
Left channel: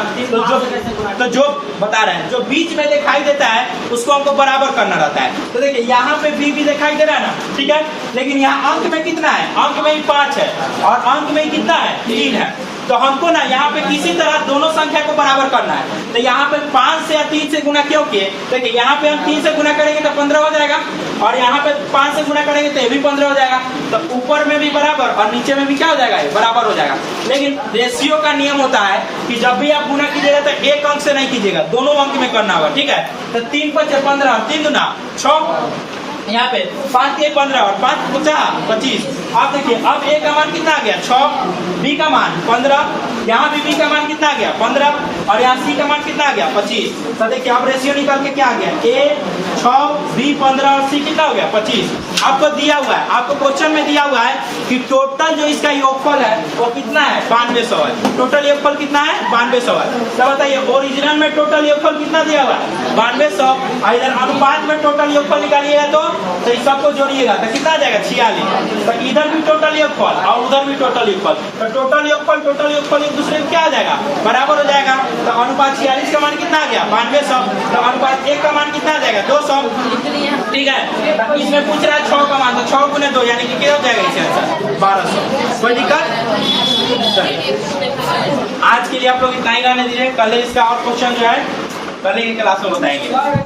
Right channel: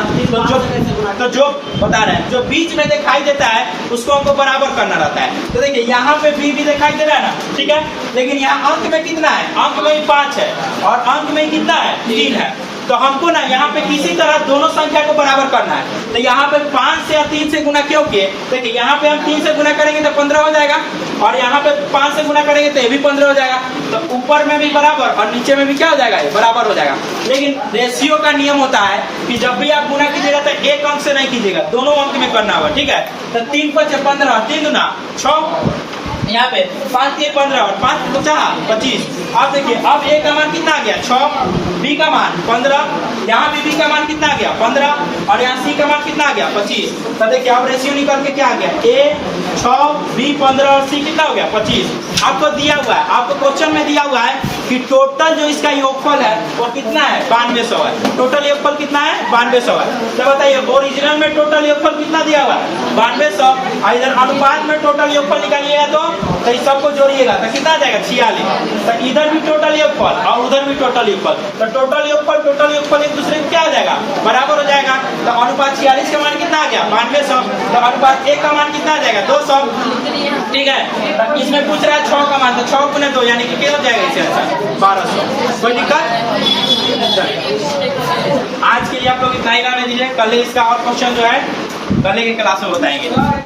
तो जो बता रहे हैं जो बीच में दिखाई देता है उसको हमको बराबर करना रहता है। तो देखिए यहाँ पे बी भी दिखाई दे रहा है ना, ठीक है, लेकिन यहाँ अंक में कितना है, अंक में ही 5 है और अंक में कितना है 3 है। तो हमको ना यहाँ पे किसी तरह दोनों संख्या को बराबर करना है। तो यहाँ पे 5 से या 3 से गुना क्यों किए, देखिए यहाँ पे हम 3 से गुना करेंगे तो 15 हो जाएगा, और यहाँ पे 5 से गुना करेंगे तो ये भी 15 हो जाएगा। तो ऊपर में भी बराबर और नीचे में भी क्या हो जाएगा, ये बराबर हो जाएगा। लेकिन रेशियो का नियम होता है कि जब भी आप गुना कीजिएगा तो एक अंक से नहीं कीजिएगा, दोनों अंक में करना होगा। ठीक है तो 3 5 15, 3 गुना 6, यहाँ पे 5 3 15 और 5 5 25। अब देखिए अब ए का मान कितना आ गया 6, बी का मान 15, यहाँ भी बी का मान कितना आ गया 15 और यहाँ सी का मान कितना आ गया 25। तो देखिए अब रेशियो निकाल के क्या आ गया, ए 6, बी 15 और सी कितना हो गया 25। आपको दिया हुआ है, आपको क्वेश्चन में दिया हुआ है कि टोटल जो इसका योगफल है वो कितना है 9200 है। टोटल योगफल कितना है 9200 है। तो बताइए ओरिजिनल में टोटल योगफल कितना दिया हुआ है 9200, और इधर अनुपात में टोटल योगफल निकालिएगा तो इस सबको जोड़िएगा तो कितना आ जाएगा 46। तो इधर भी टोटल योगफल और उधर भी टोटल योगफल, तो टोटल योगफल एक दूसरे को क्या आ जाएगा बराबर हो जाएगा। तो अनुपात 46 का मान कितना आ गया 9200, तो अनुपात 1 का मान कितना आ जाएगा 200। ठीक है तो इसमें पूछ रहा है 6 का मान, तो 6 गुने 2 यानी कि कितना हो जाएगा इसे आंसर 1200। कोई दिक्कत? आज के लिए आप लोग इतना ही रहने दीजिए, कल इसका और क्वेश्चन जो है कल की क्लास में बताएंगे।